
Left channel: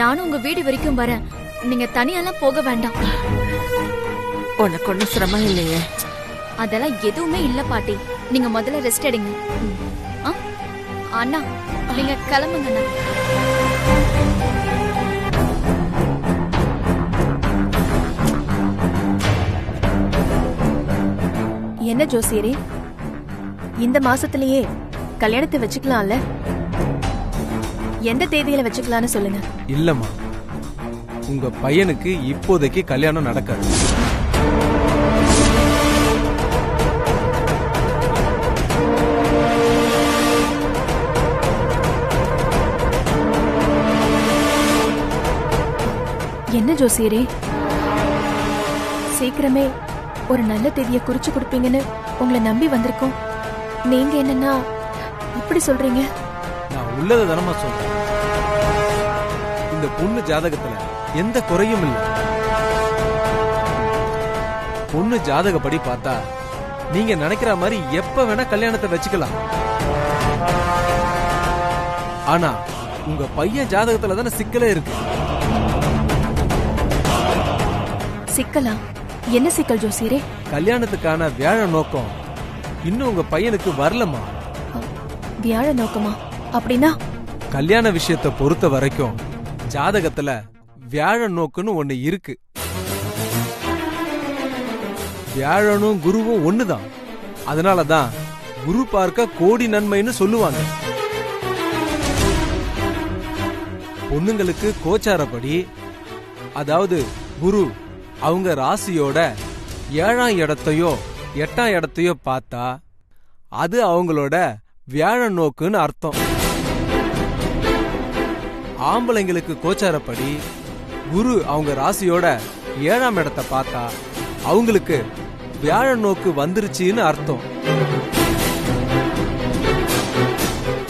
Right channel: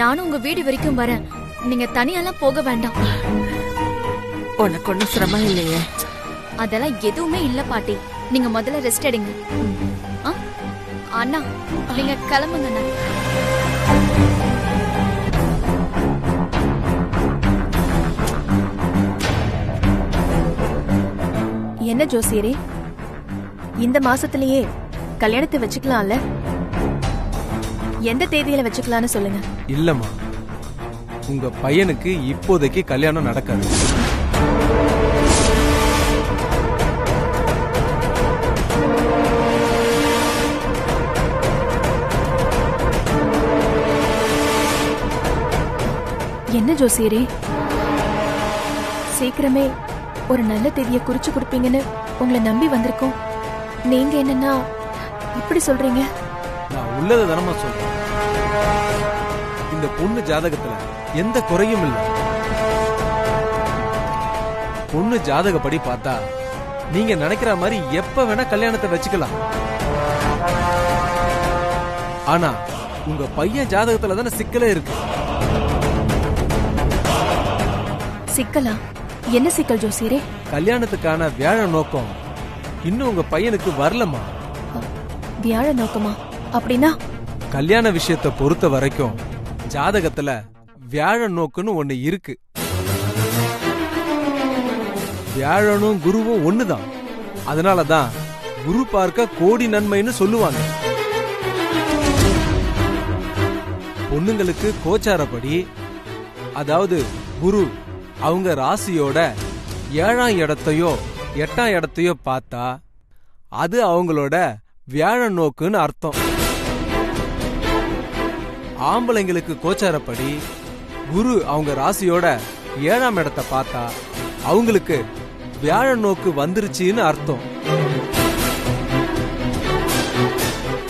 நானும் உங்க வீடு வரைக்கும் வரேன். நீங்க தனியெல்லாம் போக வேண்டாம். உனக்கு ஒன்னும் சிரமம் இல்லையே? அதெல்லாம் எதுவுமே இல்ல பாட்டி. நீங்க முதல்ல ரெஸ்ட் எடுங்க. அண்ணா, நீங்க கிளம்புங்க அண்ணா. என்ன ஜோசியரே, இந்த மாசத்திலேயே கல்யாணத்தை வச்சுக்கலாம்ல? எந்த தேதியில வச்சுக்கலாம்னு சொல்லுங்க. இல்லம்மா, உங்க பையனுக்கு இப்போதைக்கு கல்யாணம் நடக்காது. என்ன ஜோசியரே, சீக்கிரமே ஒரு நல்ல தேதியை குறிச்சு கொடுப்பீங்கன்னு உங்களை நம்பி வந்திருக்கோம். நீங்க என்னன்னா இப்படி சொல்றீங்க? நான் உள்ளத தானமா சொல்றேன். இந்த பொண்ணு ஜாதகத்துல எந்த குறையும் இல்ல. பொண்ணு ஜாதகப்படி பார்த்தா நீங்க நினைக்கிற மாதிரி எப்ப வேணா கல்யாணத்தை வச்சுக்கலாம். ஆனா உங்க பையன் ஜாதகத்துல தானே சிக்கலே இருக்கு. சிக்கலா? என்ன சிக்கல் ஜோசியரே? கல்யாணத்துக்கான வியாழ நோக்கம் இன்னும் உங்க பையனுக்கு வரலமா. வியாழ நோக்கமா? அப்படின்னா கல்யாண விஷயத்தை பொறுத்த வரைக்கும் ஜாதகத்துல வியாழ நோக்குன்னு ஒண்ணு இருக்கு. வியாழனும் குருவும் ஒண்ணுதான். அதனாலதான் குரு பார்க்க கோடி நன்மைன்னு சொல்லுவாங்க. பொண்ணுங்களுக்கு கோச்சாரப்படி, அதாவது குரு அவங்க ராசியோட 7ஆம் இடத்தையோ 8ஆம் இடத்தையோ பார்த்தா அது அவங்களோட வியாழ நோக்குன்னு அர்த்தம். ஆம்பளைங்களுக்கு கோச்சாரப்படி குரு அவங்க ராசியோட 7ஆம் இடத்தை பார்த்தா அவங்களுக்கு வியாழ நோக்கு வந்துருச்சுன்னு அர்த்தம்.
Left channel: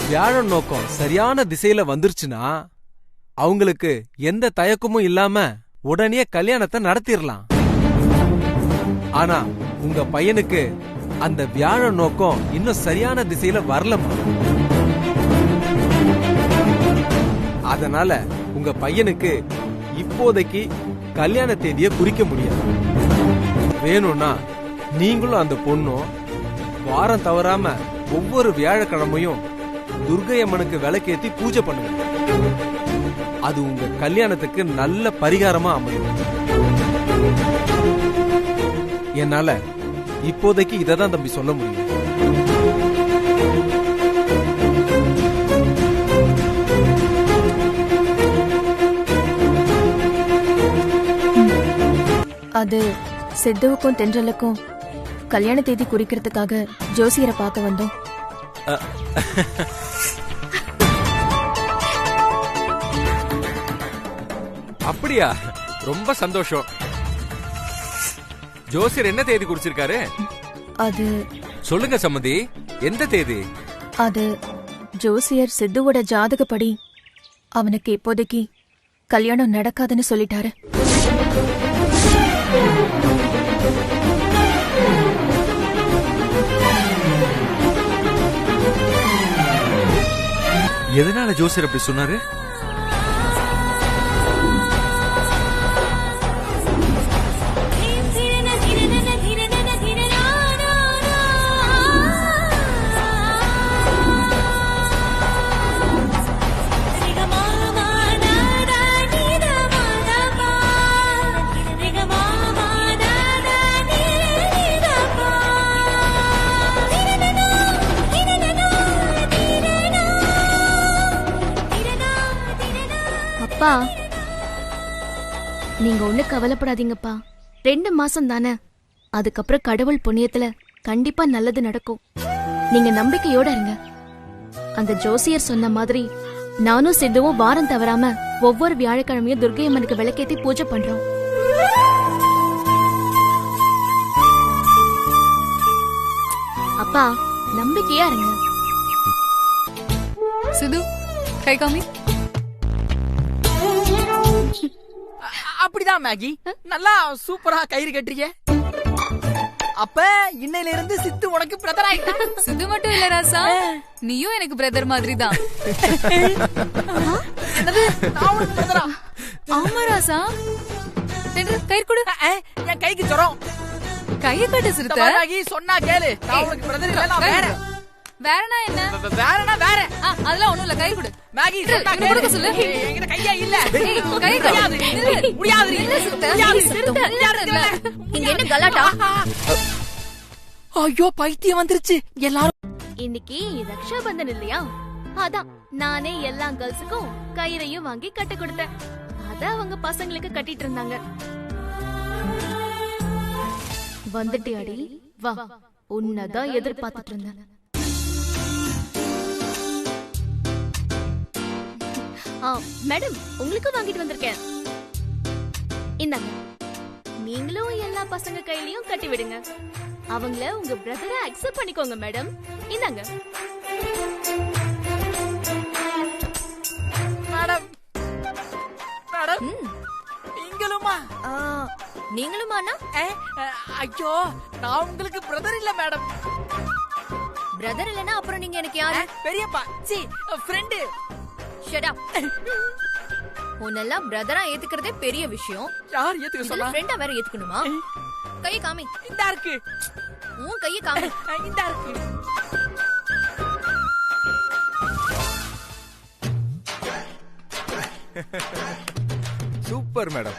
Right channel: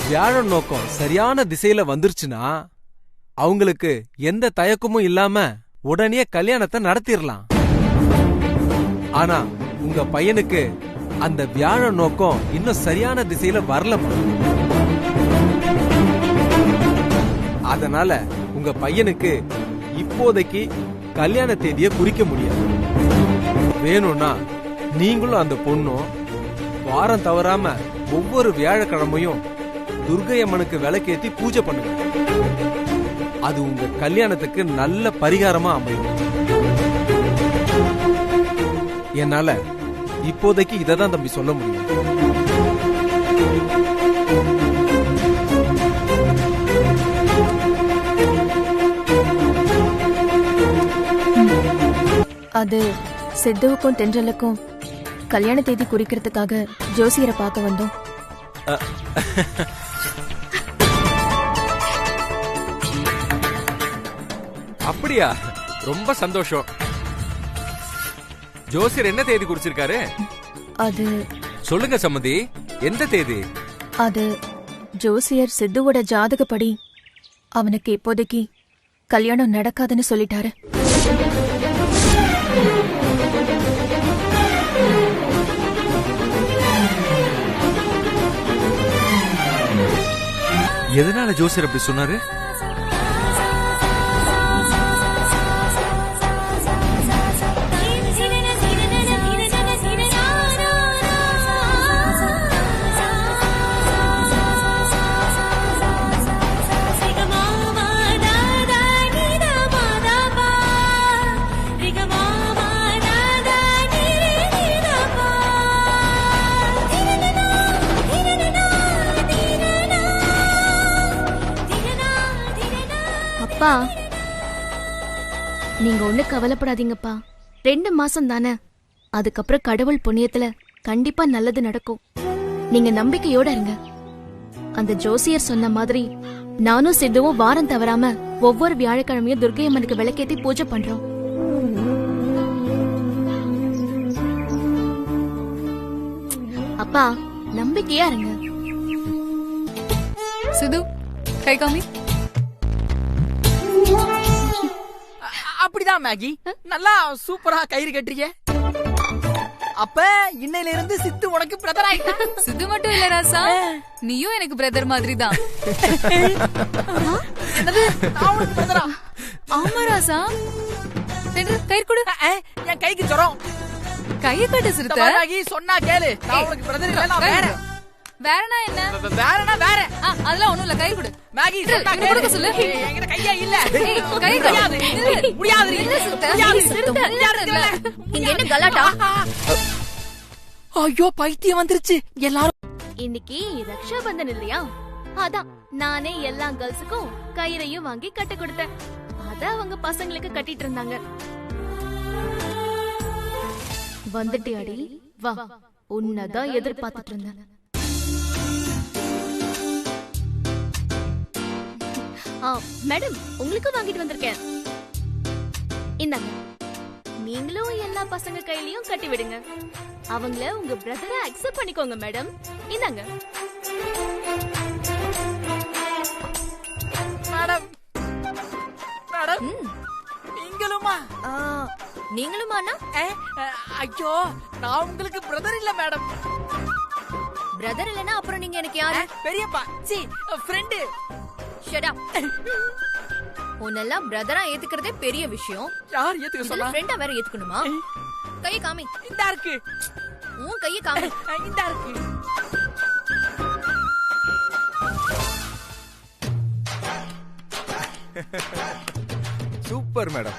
வியாழ நோக்கம் சரியான திசையில வந்துருச்சுன்னா அவங்களுக்கு எந்த தயக்கமும் இல்லாம உடனே கல்யாணத்தை நடத்திடலாம். ஆனா உங்க பையனுக்கு அந்த வியாழ நோக்கம் இன்னும் சரியான திசையில வரலமா. அதனால உங்க பையனுக்கு இப்போதைக்கு கல்யாண தேதியை குறிக்க முடியாது. வேணும்னா நீங்களும் அந்த பொண்ணும் வாரம் தவறாம ஒவ்வொரு வியாழக்கிழமையும் துர்க்கை அம்மனுக்கு விளக்கேத்தி பூஜை பண்ணுங்க. அது உங்க கல்யாணத்துக்கு நல்ல பரிகாரமா அமையும். என்னால இப்போதைக்கு இததான் தம்பி சொல்ல முடியும். அது சித்துவுக்கும் தென்றலுக்கும் கல்யாண தேதி குறிக்கிறதுக்காக ஜோசியரை பார்க்க வந்தோம். அப்படியா? ரொம்ப சந்தோஷம். ஜோசியர் என்ன தேதி குறிச்சிருக்காரு? அது சொல்லுங்க சம்மதி, எந்த தேதி? அது ஜோசியர் சித்துவோட ஜாதகப்படி அவனுக்கு இப்போதைக்கு கல்யாணம் நடக்காதுன்னு சொல்லிட்டாரு. எதனால ஜோசியர் அப்படி சொன்னாரு? அப்பா, நீங்க ஒண்ணு கவலைப்படாதீங்கப்பா. 2 மாசம் தானே, அதுக்கப்புறம் கடவுள் புண்ணியத்துல கண்டிப்பா நல்லது நடக்கும். நீங்க நம்பிக்கையோட இருங்க. அந்த ஜோசியர் சொன்ன மாதிரி நானும் சித்துவும் வாரம் தவறாம ஒவ்வொரு வியாழக்கிழமையும் துர்க்கை அம்மனுக்கு விளக்கேத்தி பூஜை பண்றோம். அப்பா நம்பிக்கையா இருங்க. சிது கை காமி. அப்படிதான் மேகி, நல்லா சூப்பரா கயிறு கட்டுறீங்க. அப்ப இன்னையில இருந்து சித்து உனக்கு பிரதர் ஆயிட்டா. சித்து மட்டும் இல்ல ராசா, நீயும் எனக்கு பிரதர் மாதிரி தான். ஆமா ராசா. கயிறு கொடு. என் கைக்கு ஜுரம். கையை கட்டு சிறுத்தை. மேகி சொன்னா கேளு, நான் உனக்கு பிரதர் இல்ல, நான் வேற. வேறனா என்ன? வேறனா வேற. அதெல்லாம் ஒண்ணும் இல்ல, கை கொடு. மேகி சொன்னா கேளு. சொல்லு. என்கிட்ட கையா இல்ல. கை முடியாது. முடியாது. இல்ல சிறுத்தை. இங்க என்ன கலாட்டா? ஐயோ பைத்தியம் வந்துருச்சு எல்லாரும். இன்னைக்கு ரக்ஷாபந்தன் இல்லையா, அதான் நானே எல்லா கேர்ள்ஸுக்கும் கயிறையும் வாங்கி கட்ட கொடுத்தேன். அத அவங்க பசங்களுக்கு கட்டிட்டு இருந்தாங்க. வந்துட்டியாடி, வா, உன்னதான் எதிர்பார்த்துட்டு இருந்தேன். மேடம், உங்களுக்கு வாங்கிட்டு வந்திருக்கேன். இந்தாங்க. நீங்களும் எல்லா பசங்க கையிலயும் கட்டி விடுங்க. அவங்கள உங்க பிரதரா அக்செப்ட் பண்ணிக்கோங்க மேடம். இந்தாங்க. மேடம் மேடம் நீங்களுமா? நீங்களுமானா? ஐயோ, நான் உங்களுக்கு பிரதர் இல்ல மேடம். பிரதர் இல்லனா அப்புறம் நீங்க எனக்கு யாரு? பெரியப்பா. சி ஃப்ரெண்ட். Shut up. உன்னெல்லாம் பிரதரா ஏத்துக்கிறதே பெரிய விஷயம். யார் ஏத்துக்க சொன்னா? ஃப்ரெண்டா வேற ஏத்துக்கணுமா? கையை காமி. இந்தா இருக்கு. உன் கையை காமி. இந்தா இருக்கு. Super madam.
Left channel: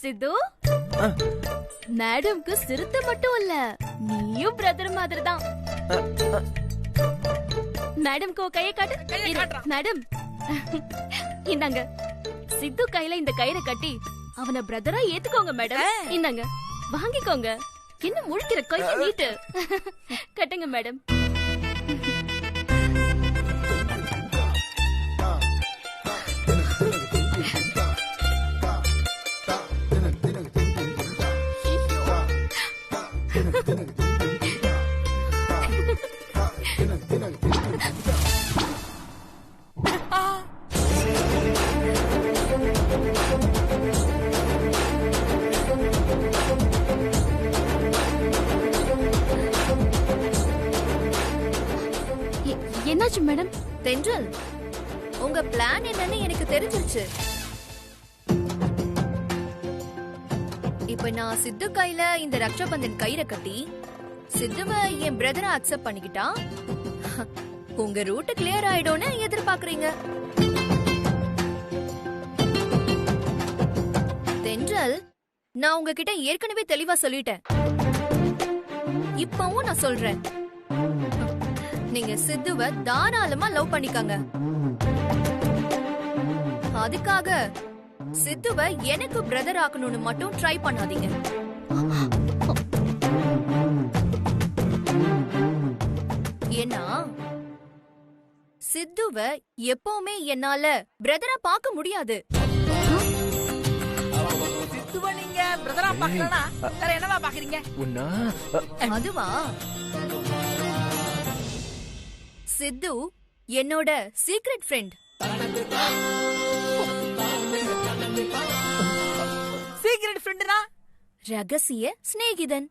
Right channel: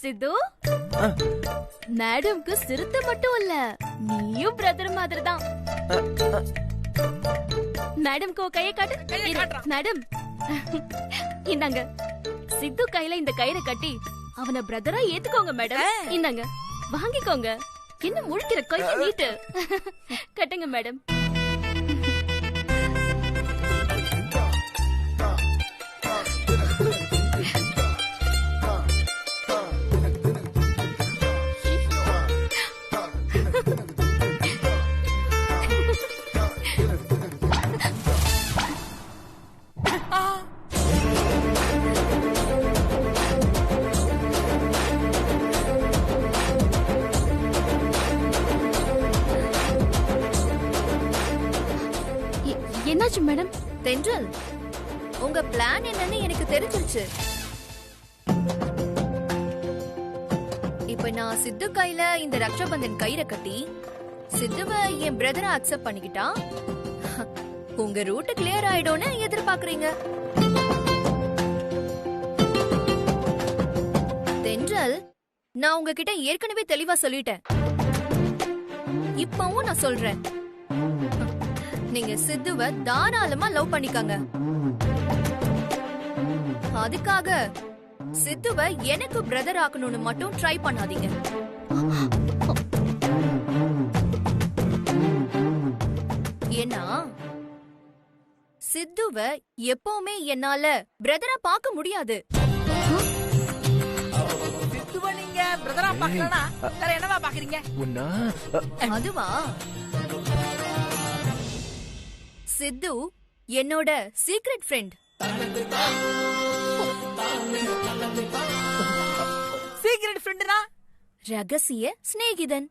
சித்து, மேடம்க்கு சிறுத்தை மட்டும் இல்ல, நீயும் பிரதர் மாதிரி தான். மேடம்க்கு கையை காட்டு. மேடம் இந்தாங்க. சித்து கையில இந்த கயிறை கட்டி அவனை பிரதரா ஏத்துக்கோங்க மேடம். இந்தாங்க, வாங்கிக்கோங்க. என்ன முழிக்கிற, கையை நீட்டு. கட்டுங்க மேடம். என்னாச்சு மேடம்? தென்றல், உங்க பிளான் என்னன்னு எனக்கு தெரிஞ்சிருச்சு. இப்ப நான் சித்து கையில இந்த ரக்ஷாபந்தன் கயிறை கட்டி சித்துவ என் பிரதரை அக்செப்ட் பண்ணிக்கிட்டா உங்க ரூட் கிளியர் ஆயிடும்னு எதிர்பார்க்கறீங்க. தென்றல், நான் உங்ககிட்ட ஏற்கனவே தெளிவா சொல்லிட்டேன். இப்பவும் நான் சொல்றேன், நீங்க சித்துவ தாராளமா லவ் பண்ணிக்கங்க. அதுக்காக சித்துவ எனக்கு பிரதர் ஆக்கணும்னு மட்டும் ட்ரை பண்ணாதீங்க. ஏன்னா சித்துவ எப்பவுமே என்னால பிரதரா பார்க்க முடியாது. சித்துவ நீங்க பிரதரா பார்க்கலனா வேற என்னவா பாக்குறீங்க? அதுவா, சித்து என்னோட சீக்ரெட் ஃப்ரெண்ட். சீக்ரெட் ஃப்ரெண்ட்னா ரகசிய சிநேகிதன்.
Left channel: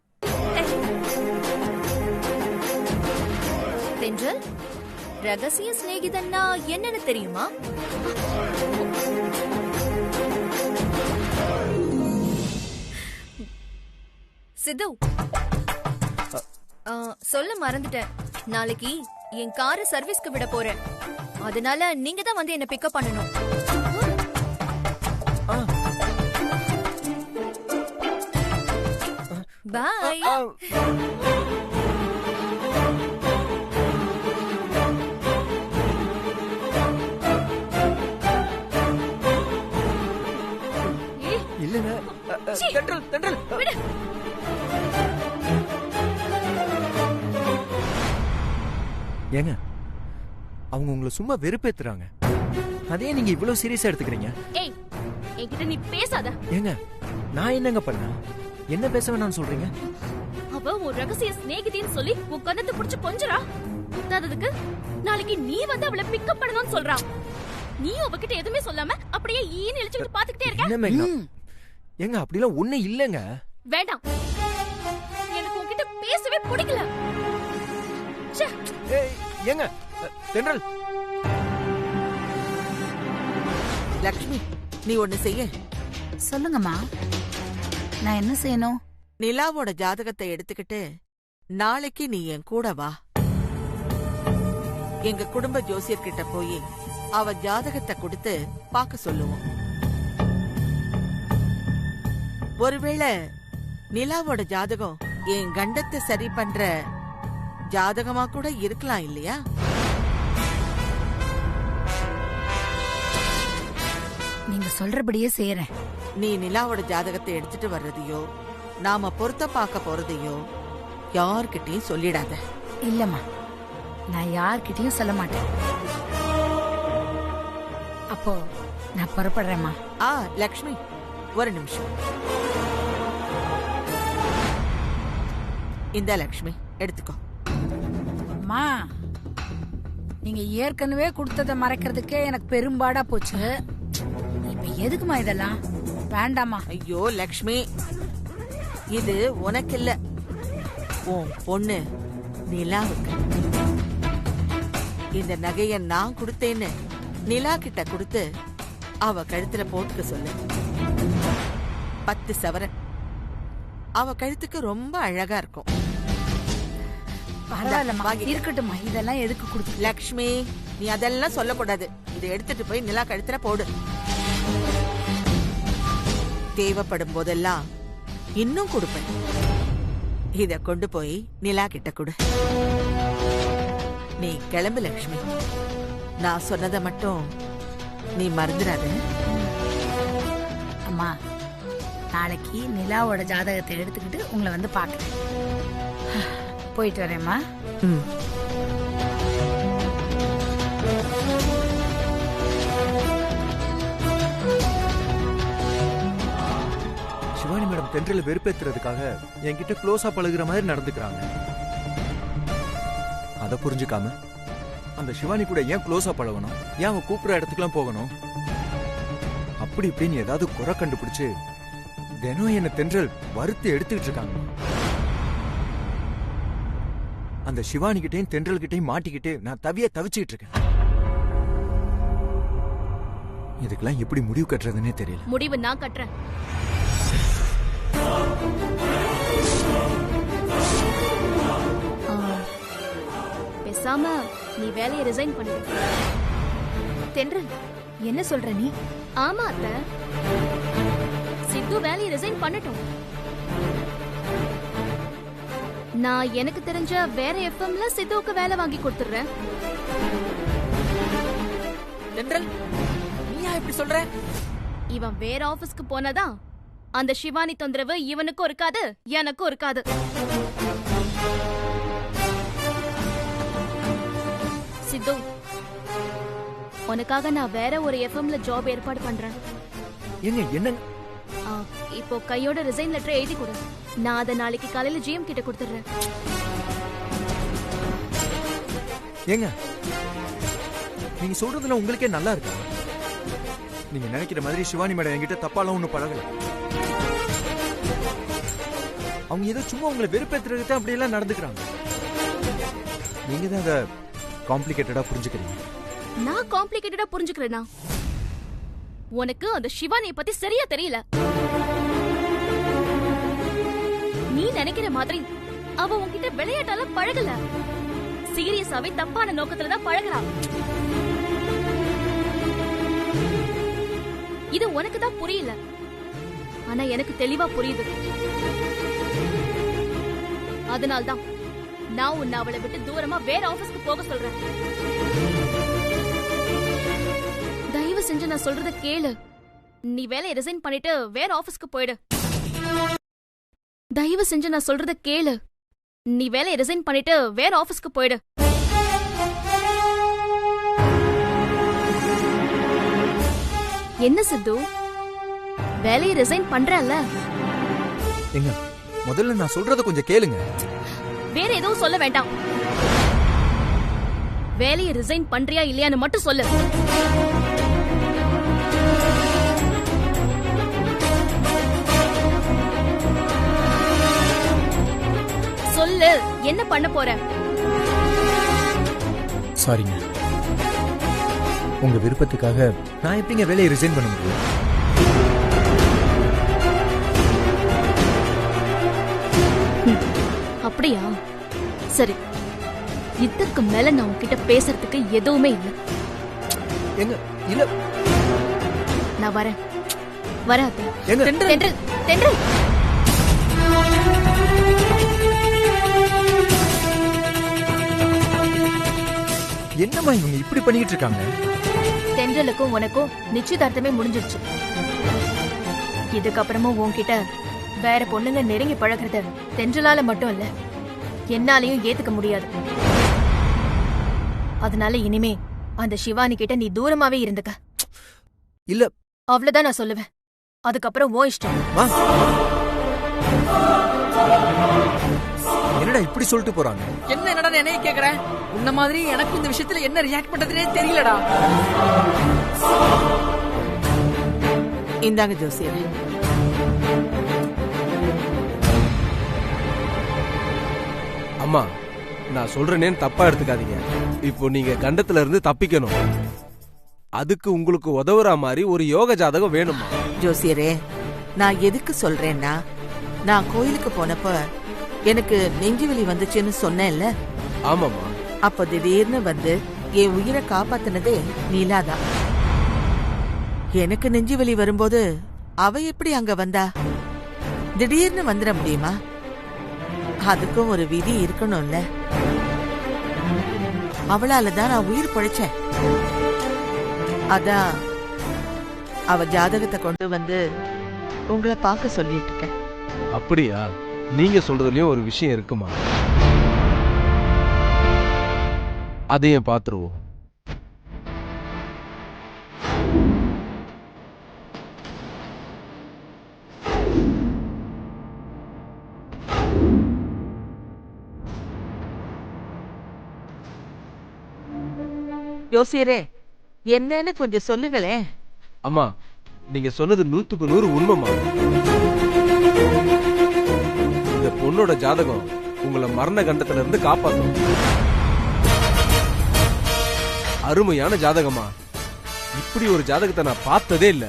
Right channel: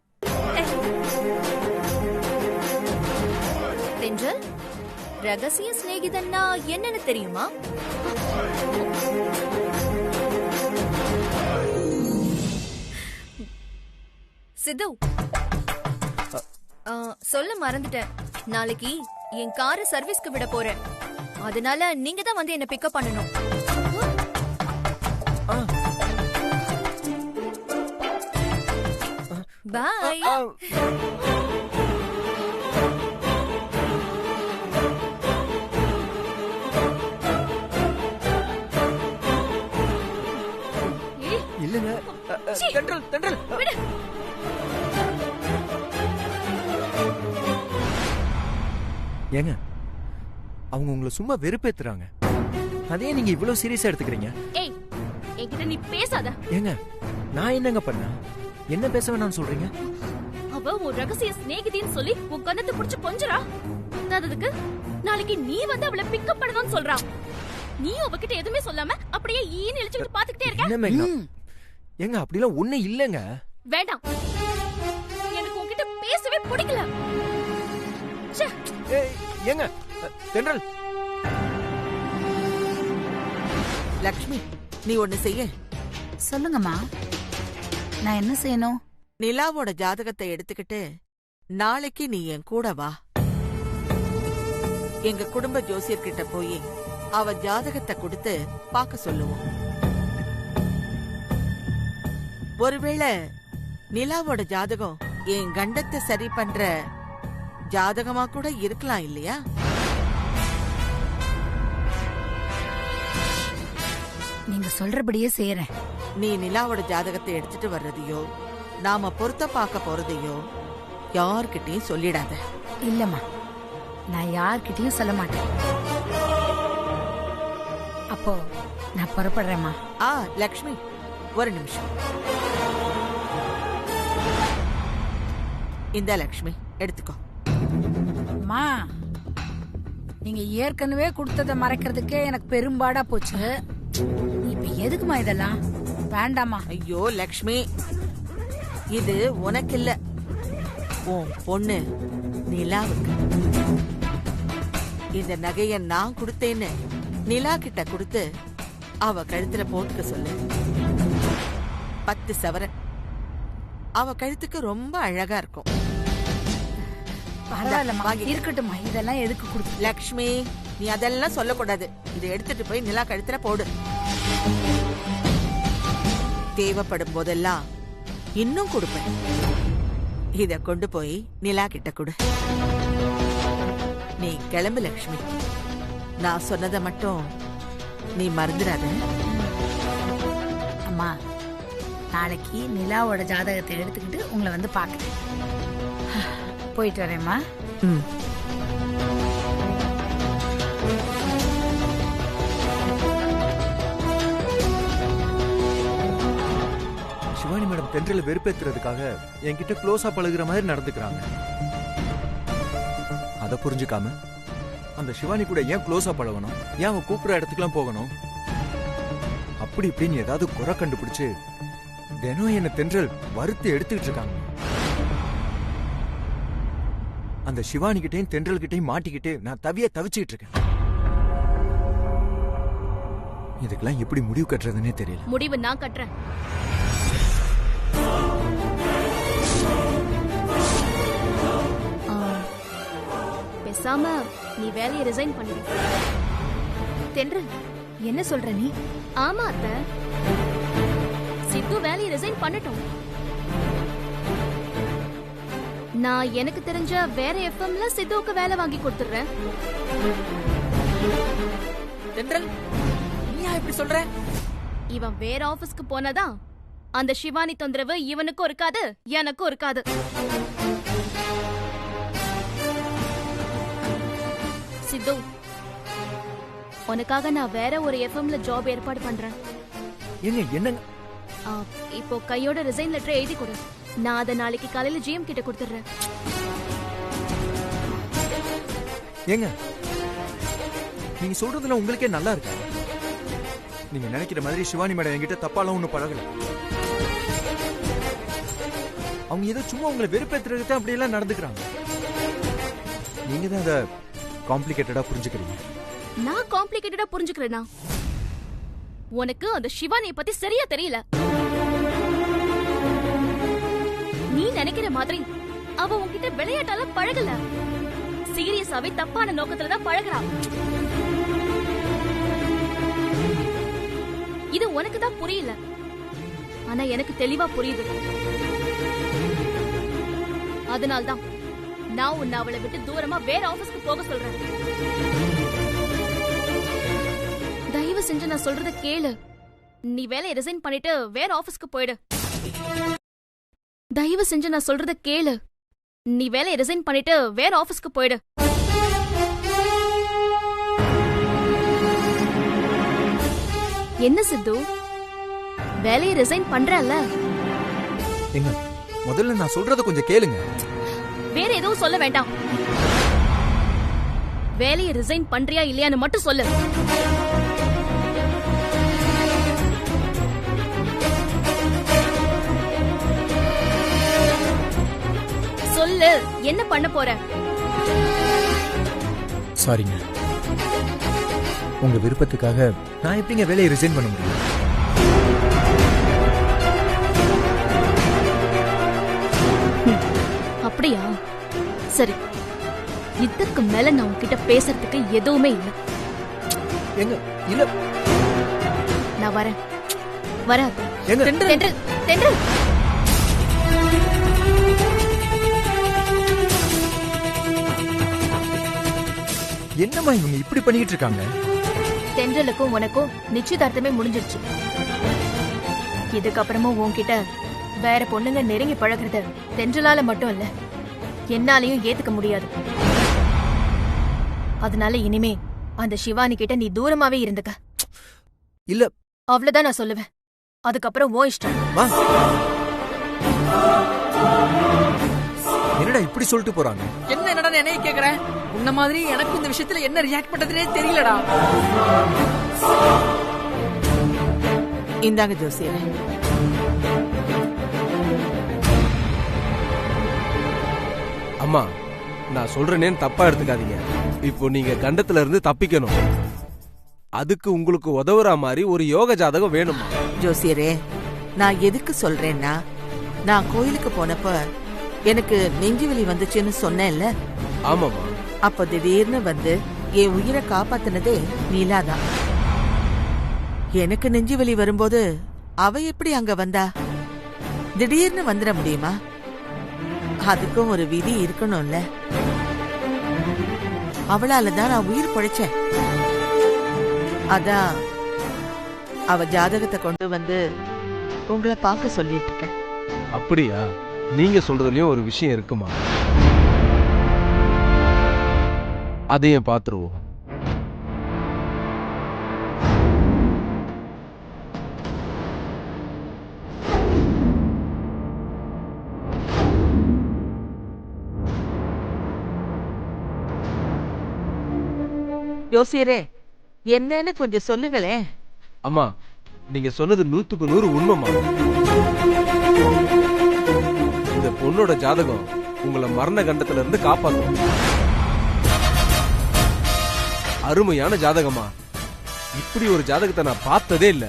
தென்றல், ரகசிய சிநேகிதன்னா என்னன்னு தெரியுமா? சித்து, சொல்ல மறந்துட்டேன். நாளைக்கு என் காரை சர்வீஸ்க்கு விட போறேன். அதனால நீங்க தான் வந்து என்ன பிக்கப் பண்ணணும். பாய். இல்லங்க. தென்றல் தென்றல் ஏங்க, அவங்க உங்களை சும்மா வெறுப்பேத்துறாங்க. அதே நீங்க இவ்வளவு சீரியஸா எடுத்துக்கிறீங்க. ஏய், என்கிட்ட நீ பேசாத. ஏங்க, நான் என்னங்க பண்ண? என்ன பேச வேணாம்னு சொல்றீங்க? அவ ஒரு ரகசிய சிநேகிதின்னு சொல்லி உன் கண்ணத்தை புடிச்சு கொஞ்சறா. பத்தாததுக்கு நாளைக்கு நீ வந்து அவளை பிக்கப் பண்ணணும்னு சொல்றா. நீ அவகிட்ட எதுவுமே சொல்லாம அப்படியே ஈன்னு இழுச்சுட்டு பாத்துக்கிட்டே இருக்க. என்ன மேங்க? ஏங்க அப்படிலாம் ஒண்ணு இல்லங்க. வேண்டாம், எனக்கு உன்கிட்ட பேசவே பிடிக்கல. ஏங்க தென்றல். லக்ஷ்மி, நீ ஒண்ணு செய்ய. சொல்லுங்கம்மா, நான் என்ன செய்யணும்? நிலாவோட ஜாதகத்தை எடுத்துக்கிட்டு நாளைக்கு நீ என் கூட வா. எங்க குடும்ப ஜோசியர்கிட்ட போய் அவ ஜாதகத்தை கொடுத்து பார்க்க சொல்லுவோம். ஒருவேளை நிலாவோட ஜாதகம் என் கண்டத்தை சரி பண்ற ஜாதகமா கூட இருக்கலாம் இல்லையா? நீங்க சொல்றபடியே செய்யறேன். நீ நிலாவோட ஜாதகத்தை எடுத்துட்டு வர்றதையோ நாம பொருத்த பார்க்க போறதையோ யார்கிட்டயும் சொல்லிடாத. இல்லம்மா, நான் யார்கிட்டயும் சொல்ல மாட்டேன். அப்போ நான் புறப்படுறேம்மா. லக்ஷ்மி, ஒரு நிமிஷம். இந்த லக்ஷ்மி எடுத்துக்கோ. அம்மா, நீங்க ஏற்கனவே கொடுத்ததை மறைக்கிறதுக்கே எனக்கு பெரும்பாடா போச்சு. இப்ப எதுக்குமா இதெல்லாம்? வேண்டாமா. ஐயோ லக்ஷ்மி, இது உனக்கு இல்ல, உன் பொண்ணு நிலாவுக்கு. இந்த நகைய நான் கொடுத்தேன்னு நிலா கிட்ட கொடுத்து அவ கழுத்துல போட்டுக்க சொல்லு. 10 சவரன் அவ கழுத்துக்கு ரொம்ப அழகா இருக்கும். பரவாயில்லம்மா, இருக்கட்டும்மா. இதெல்லாம் எதுக்கு கொடுத்து? லக்ஷ்மி, நீ அதெல்லாம் சொல்லக்கூடாது. இதை எடுத்துட்டு போய் நிலா கழுத்துல போடு. தேவைப்படும் போதெல்லாம் இன்னும் கொடுப்பேன். இத கொண்டு போய் நிலா கிட்ட கொடு. நீ கிளம்பு லக்ஷ்மி. நான் சொன்னதை மட்டும் நீ மறந்துடாத. அம்மா, நாளைக்கு நிலாவோட ஜாதகத்தை எடுத்துக்கிட்டு உங்களை வந்து பாக்குறேன். போயிட்டு வரேம்மா. சிவானி மேடம் தென்றல வெறுப்பேத்துறதுக்காக என்கிட்ட க்ளோஸா பழகுற மாதிரி நடந்துக்கிறாங்க. அத புரிஞ்சுக்காம அந்த சிவானி கூட ஏன் க்ளோஸா பழகணும்? ஏன் அவன் கூப்பிடுற இடத்துக்குலாம் போகணும்? அப்படி இப்படின்னு ஏதாவது குறை கண்டுபிடிச்சு தினம் என்ன தென்றல் வறுத்து எடுத்துக்கிட்டு இருக்காங்க. அந்த சிவானி கிட்டையும் தென்றல் கிட்டையும் மாட்டிக்கிட்டு நான் தவிச்சுக்கிட்டு இருக்கேன். இதுக்கெல்லாம் எப்படி முடிவு கட்டுறதுன்னே தெரியல. முடிவு நான் கட்டுறேன். பேசாம நீ வேலையை ரிசைன் பண்ணிடு. தென்றல், என்ன சொல்ற நீ? ஆமா அத்தை, சித்து வேலையை ரிசைன் பண்ணட்டும். நான் எனக்கு தெரிஞ்ச வேற எஃப்எம்ல சித்துவுக்கு வேலை வாங்கி கொடுத்துறேன். தென்றல், நீயா இப்படி சொல்ற? இவன் வேற ஆபீஸ்க்கு போனதா அந்த சிவானி தொந்தரவு இவனுக்கும் இருக்காது, எனக்கும் இருக்காது. சித்து, உனக்காக நான் வேற ஒரு எஃப்எம்ல ஜாப் ஏற்பாடு பண்றேன். என்னங்க? இப்போ கையோட ரிசைன் லெட்டர் எழுதி கொடு. நான் அதை நாளைக்கு காலையில ஜிஎம் கிட்ட கொடுத்துறேன். ஏங்க, நீங்க சொல்றதுல உங்களுக்கே நல்லா இருக்கா? நீங்க நினைக்கிற மாதிரி சிவானி மேடம் என்கிட்ட தப்பாலாம் ஒண்ணு பழகல. அவங்க ஏதோ சும்மா உங்களை வெறுப்பேத்துறதுக்கு தான் அப்படியெல்லாம் நடந்துக்கிறாங்க. நீங்க தான் அதை காம்ப்ளிகேட்டடா புரிஞ்சுக்கிறீங்க. நான் காம்ப்ளிகேட்டடா புரிஞ்சுக்கிறேனா? உனக்கு அந்த சிவானியை பத்தி சரியா தெரியல. நீ நினைக்கிற மாதிரி அவ உன்கிட்ட விளையாட்டால பழகல, சீரியஸாவே தப்பான நோக்கத்துல தான் பழகுறா. இது உனக்கு தான் புரியல, ஆனா எனக்கு தெளிவா புரியுது. அதனால்தான் நான் உன்னை அவளை விட்டு தூரமா வேற ஆபீஸ்க்கு போக சொல்றேன். தயவு செஞ்சு நான் சொல்றத கேளு. நீ வேலையை ரிசைன் பண்ணிட்டு வேற ஆபீஸ்க்கு போயிடு. தயவு செஞ்சு நான் சொல்றத கேளு. நீ வேலையை ரிசைன் பண்ணிட்டு வேற ஆபீஸ்க்கு போயிடு. என்ன சித்து, வேலையை ரிசைன் பண்றல்ல? எங்க முதல்ல நான் சொல்றத கொஞ்சம் கேளுங்க. வேற எதுவும் சொல்ல வேண்டாம். வேலையை ரிசைன் பண்றியா இல்லையான்னு மட்டும் சொல்லு. சொல்லு, என்ன பண்ண போற? சாரிங்க, உங்க விருப்பத்துக்காக நான் எப்படிங்க வேலையை ரிசைன் பண்ண முடியும்? அப்படியா? சரி, இதுக்கு மேல நான் உன்கிட்ட பேசுறதுக்கு எதுவுமே இல்ல. எங்க இல்ல, நான் வரேன். வராது. எங்க தென்றல் என்னம்மா இவங்க இப்படி பண்ணிட்டு இருக்காங்க? தென்றலுக்கும் உனக்கும் நிச்சயதார்த்தமே முடிஞ்சிடுச்சு. இதுக்கப்புறமும் உன்கிட்ட வேற பொண்ணுங்க நெருங்கி பழகுறத தென்றலால மட்டும் இல்ல, என்னாலையும் ஏத்துக்க முடியாது. அதனால இனிமே அந்த சிவானி கிட்ட நீ தூரமாவே இருந்துக்க. இல்ல, அவ்வளவுதான் நான் சொல்லுவேன். அதுக்கப்புறம் ஓ இஷ்டம். என்னடா இப்படி சொல்லிட்டு போறாங்க? என்னடா என்னைய கேக்குற? உன்ன மாதிரி எனக்கு இந்த விஷயத்துல என்ன ரியாக்ட் பண்றதுனே தெரியலடா. இந்தாங்க ஜோசியரே. அம்மா, நான் சொல்றேனேன்னு தப்பா எடுத்துக்காதீங்க. இப்போ நீங்க கண்டத்துல இருந்து தப்பிக்கணும். அதுக்கு உங்களுக்கு உதவுற மாதிரி ஒரு யோக ஜாதகம் வேணுமா? ஜோசியரே, நான் எதுக்கு சொல்றேன்னா, நான் கோயிலுக்கு போனப்ப எனக்கு நெஞ்சுவலி வந்துச்சுன்னு சொன்னேன்ல. ஆமாமா. அப்ப திடீர்னு வந்து என் உயிரை காப்பாத்தினதே நீலாதான். எனக்கு நெஞ்சுவலி வரும்போது அவ எப்படி அங்க வந்தா? திடீர்னு வந்துட முடியுமா? அதுக்கும் ஒரு விதி இருக்கணும்ல. அவளாலதான் நான் உயிர் பொழைச்சேன். அதான் அவ ஜாதகத்தை கொண்டு வந்து உங்களை பார்க்க சொல்லிட்டு இருக்கேன். அப்படியா? நீங்க சொல்றதுலயும் ஒரு விஷயம் இருக்குமா? அதையும் பாத்துருவோம். யோசியரே, என்னன்னு கொஞ்சம் சொல்லுங்களேன். அம்மா, நீங்க சொன்னது 100க்கு 100 உண்மைமா. இந்த பொண்ணோட ஜாதகம் உங்களை மரண கண்டத்துல இருந்து காப்பாத்தும். அருமையான ஜாதகமா. இப்படி ஒரு ஜாதகத்தை நான் பார்த்ததே இல்ல.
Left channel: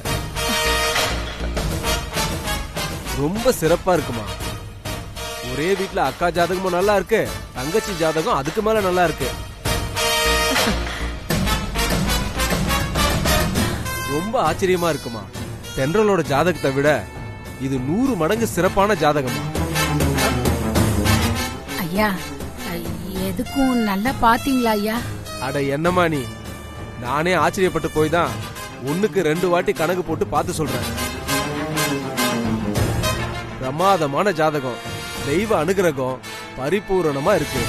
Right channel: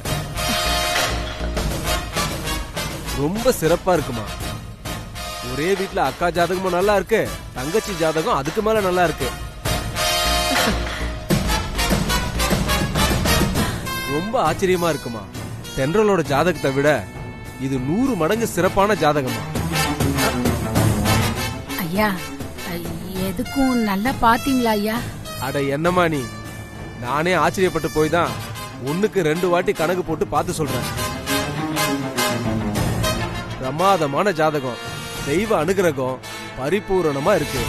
ரொம்ப சிறப்பா இருக்குமா. ஒரே வீட்டுல அக்கா ஜாதகமும் நல்லா இருக்கு, தங்கச்சி ஜாதகம் அதுக்கு மேல நல்லா இருக்கு. ரொம்ப ஆச்சரியமா இருக்குமா. தென்றலோட ஜாதகத்தை விட இது 100 மடங்கு சிறப்பான ஜாதகமா. ஐயா, எதுக்கும் நல்லா பாத்தீங்களா ஐயா? அட என்னமா நீ, நானே ஆச்சரியப்பட்டு போய் தான் 1க்கு 2 வாட்டி கணக்கு போட்டு பார்த்து சொல்றேன். பிரமாதமான ஜாதகம், தெய்வ அனுகிரகம் பரிபூரணமா இருக்கு.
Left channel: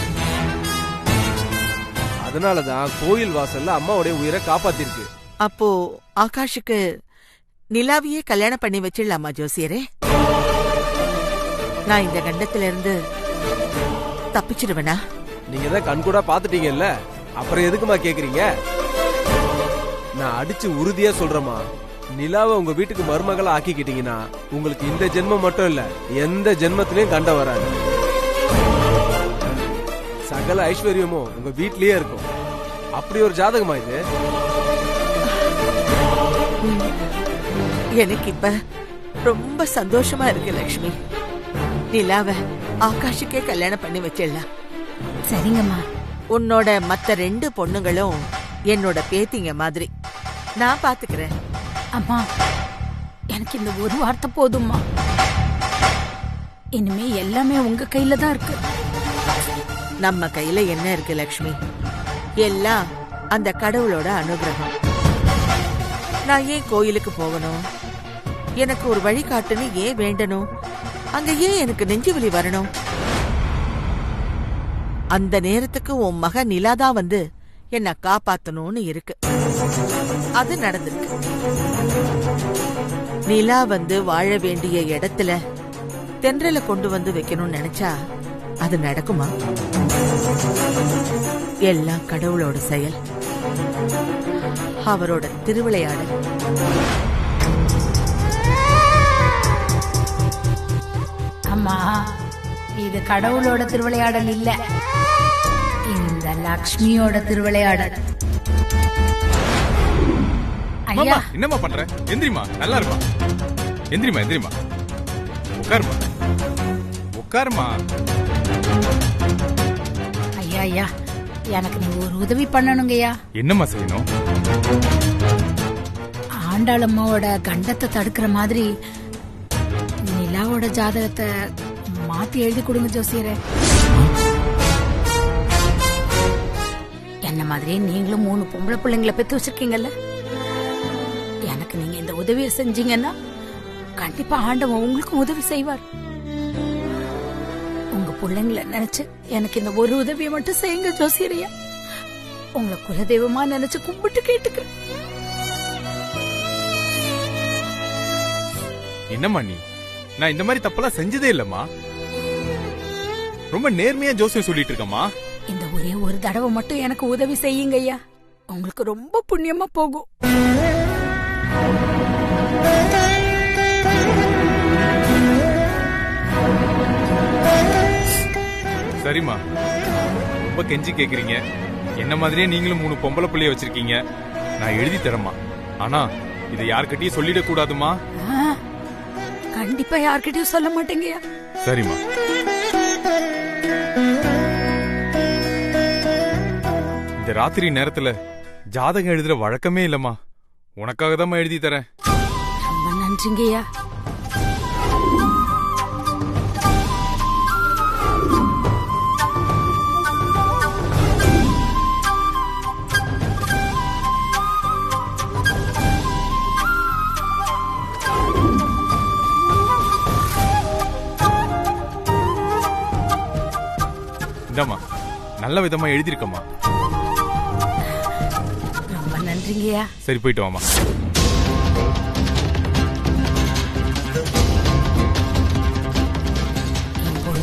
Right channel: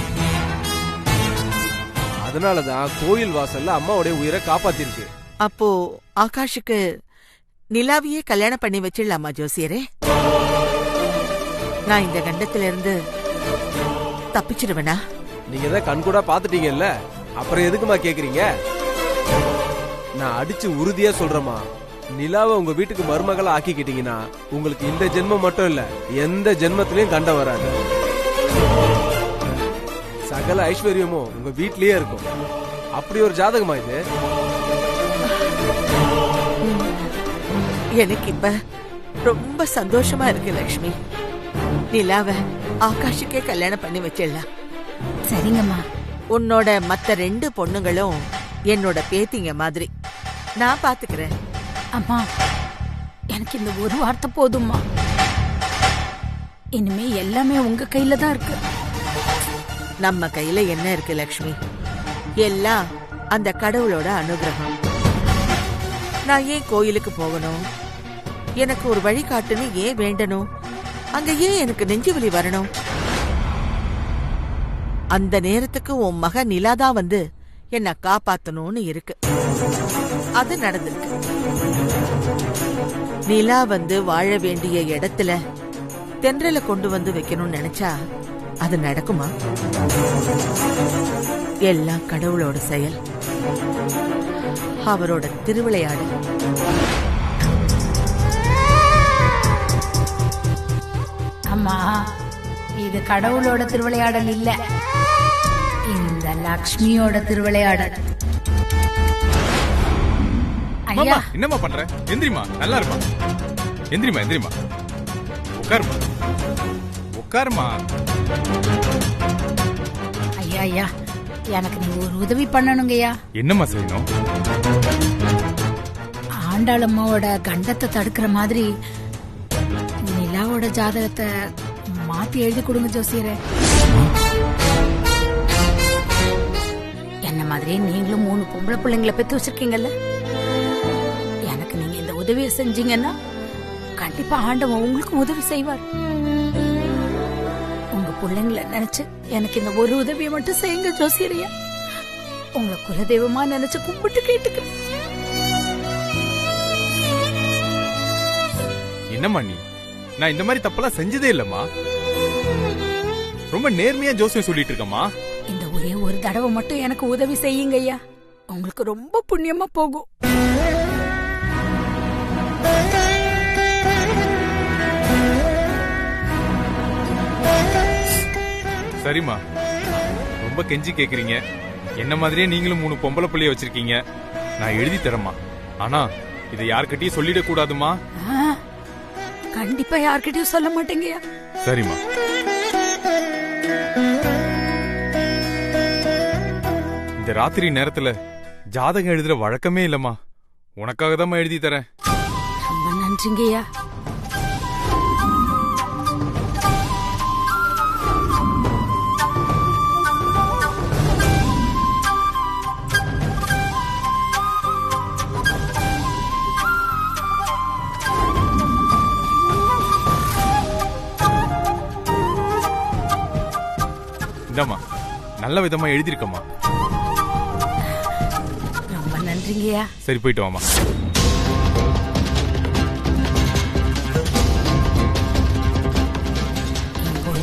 அதனாலதான் கோயில் வாசல்ல அம்மாவுடைய உயிரை காப்பாத்திருக்கு. அப்போ ஆகாஷுக்கு நிலாவையே கல்யாணம் பண்ணி வச்சிடலாமா ஜோசியரே? நான் இந்த கண்டத்துல இருந்து தப்பிச்சிடுவேனா? நீங்க தான் கண்கூடா பாத்துட்டீங்கல்ல, அப்புறம் எதுக்குமா கேக்குறீங்க? நான் அடிச்சு உறுதியா சொல்றேமா, நிலாவை உங்க வீட்டுக்கு மருமகளா ஆக்கிக்கிட்டீங்கன்னா உங்களுக்கு இந்த ஜென்மம் மட்டும் இல்ல, எந்த ஜென்மத்திலயும் கண்ட வராது. சகல ஐஸ்வர்யமும் உங்க வீட்லயே இருக்கும். அப்படி ஒரு ஜாதகமா இது. எனக்கு இப்ப ரொம்ப சந்தோஷமா இருக்கு லட்சுமி. நிலாவ ஆகாஷுக்கே கல்யாணம் பண்ணி வச்சிடலாம். சரிங்கம்மா. உன்னோட மத்த 2 பொண்ணுங்களும் என்னோட பேத்திங்க மாதிரி. நான் பாத்துக்கிறேன். அம்மா, எனக்கு இந்த ஒரு வார்த்தை போதும்மா. இனிமே எல்லாமே உங்க கையில தான் இருக்கு. நம்ம கையில என்ன இருக்கு லட்சுமி? எல்லாம் அந்த கடவுளோட அனுகிரகம். நான் ஏன் கோயிலுக்கு போகணும்? எனக்கு ஒரு வழிகாட்டுன்னு ஏன் வேண்டணும்? அங்க ஏன் எனக்கு நெஞ்சுவலி வரணும்? அந்த நேரத்துக்கு உன் மக நிலாதான் வந்து என்ன காப்பாத்தணும்னு இருக்கு. அது நடந்திருக்கு. நிலா வந்து வாழ வேண்டிய இடத்துல தென்றலை கொண்டு வந்து வைக்கணும்னு நினைச்சா அது நடக்குமா? எல்லாம் கடவுளோட செயல், அவரோட திருவிளையாடல். அம்மா, இது கடவுளோட திருவிளையாடல் இல்ல, இந்த லக்ஷ்மியோட திருவிளையாடல். ஐயா, என்னம்மா பண்ற? எந்திரிமா, நல்லா இருமா. எந்திரிமா எந்திரிமா, உட்காருமா உட்காருமா. ஐயா ஐயா, எனக்கு நீங்க ஒரு உதவி பண்ணணுங்கய்யா. என்னம்மா செய்யணும்? ஆண்டாளம்மாவோட கண்டத்தை தடுக்கிற மாதிரி நிலாவோட ஜாதகத்தை மாத்தி எழுதி கொடுங்க ஜோசியரே. என்ன மாதிரியே நீங்களும் 3 பொம்பளை பிள்ளைங்களை பெத்து வச்சிருக்கீங்கல்ல, எனக்கு நீங்க இந்த உதவியை செஞ்சீங்கன்னா கண்டிப்பா ஆண்டவன் உங்களுக்கு உதவி செய்வார். உங்க பிள்ளைங்களை நினைச்சு எனக்கு இந்த ஒரு உதவியை மட்டும் செய்யுங்க ஜோசியரையா. உங்களை குலதெய்வமா நினைச்சு கும்பிட்டு கேட்டுக்கிறேன். என்னம்மா நீ? நான் இந்த மாதிரி தப்பெல்லாம் செஞ்சதே இல்லம்மா. ரொம்ப நேர்மையா ஜோசியம் சொல்லிட்டு இருக்கம்மா. இந்த ஒரே ஒரு தடவை மட்டும் எனக்கு உதவி செய்யுங்க ஐயா, உங்களுக்கு ரொம்ப புண்ணியமா போகும். சரிம்மா, ரொம்ப கெஞ்சி கேக்குறீங்க. என்ன மாதிரியே நீங்களும் 3 பொம்பளை பிள்ளைய வச்சிருக்கீங்க. நான் எழுதி தரேம்மா. ஆனா இதை யார்கிட்டயும் சொல்லிட கூடாதுமா. கண்டிப்பா யார்கிட்டயும் சொல்ல மாட்டேங்கய்யா. சரிம்மா. இந்த ராத்திரி நேரத்துல ஜாதகம் எழுதுற வழக்கமே இல்லம்மா. உனக்காக தான் எழுதி தரேன். ரொம்ப நன்றிங்கய்யா. இந்தாம்மா, நல்ல விதமா எழுதிருக்கம்மா. ரொம்ப நன்றிங்கய்யா. சரி, போயிட்டு வாமா.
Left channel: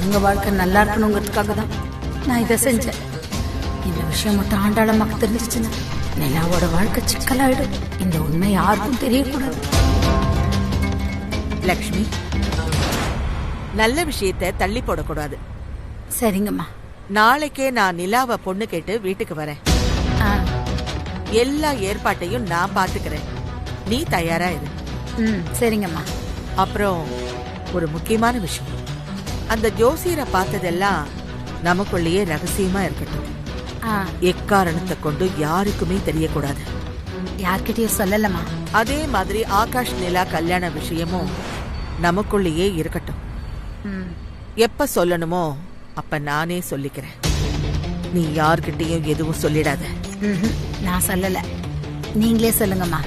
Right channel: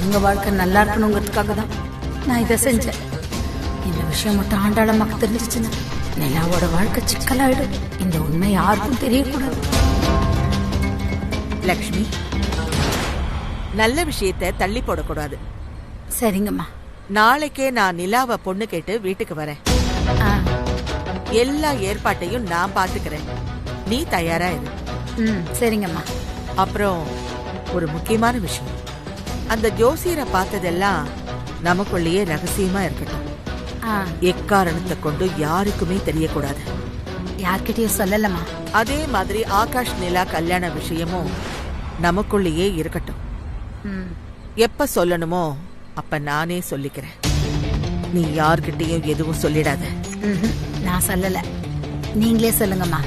உங்க வாழ்க்கை நல்லா இருக்கணுங்கிறதுக்காக தான் நான் இதை செஞ்சேன். இந்த விஷயம் மட்டும் ஆண்டாளம்மாக்கு தெரிஞ்சிச்சுன்னா நிலாவோட வாழ்க்கை சிக்கலாயிடும். இந்த உண்மை யாருக்கும் தெரியக்கூடாது. லக்ஷ்மி, நல்ல விஷயத்தை தள்ளி போடக்கூடாது. சரிங்கம்மா. நாளைக்கே நான் நிலாவை பொண்ணு கேட்டு வீட்டுக்கு வரேன். எல்லா ஏற்பாட்டையும் நான் பாத்துக்கிறேன். நீ தயாரா இரு. சரிங்கம்மா. அப்புறம் ஒரு முக்கியமான விஷயம், அந்த ஜோசியரை பார்த்ததெல்லாம் நமக்குள்ளேயே ரகசியமா இருக்கட்டும். எக்காரணத்தை கொண்டு யாருக்குமே தெரியக்கூடாது. யார்கிட்டயும் சொல்லலமா. அதே மாதிரி ஆகாஷ் நிலா கல்யாண விஷயமும் நமக்குள்ளேயே இருக்கட்டும். எப்ப சொல்லணுமோ அப்ப நானே சொல்லிக்கிறேன். நீ யார்கிட்டயும் எதுவும் சொல்லிடாத. நான் சொல்லல, நீங்களே சொல்லுங்கம்மா.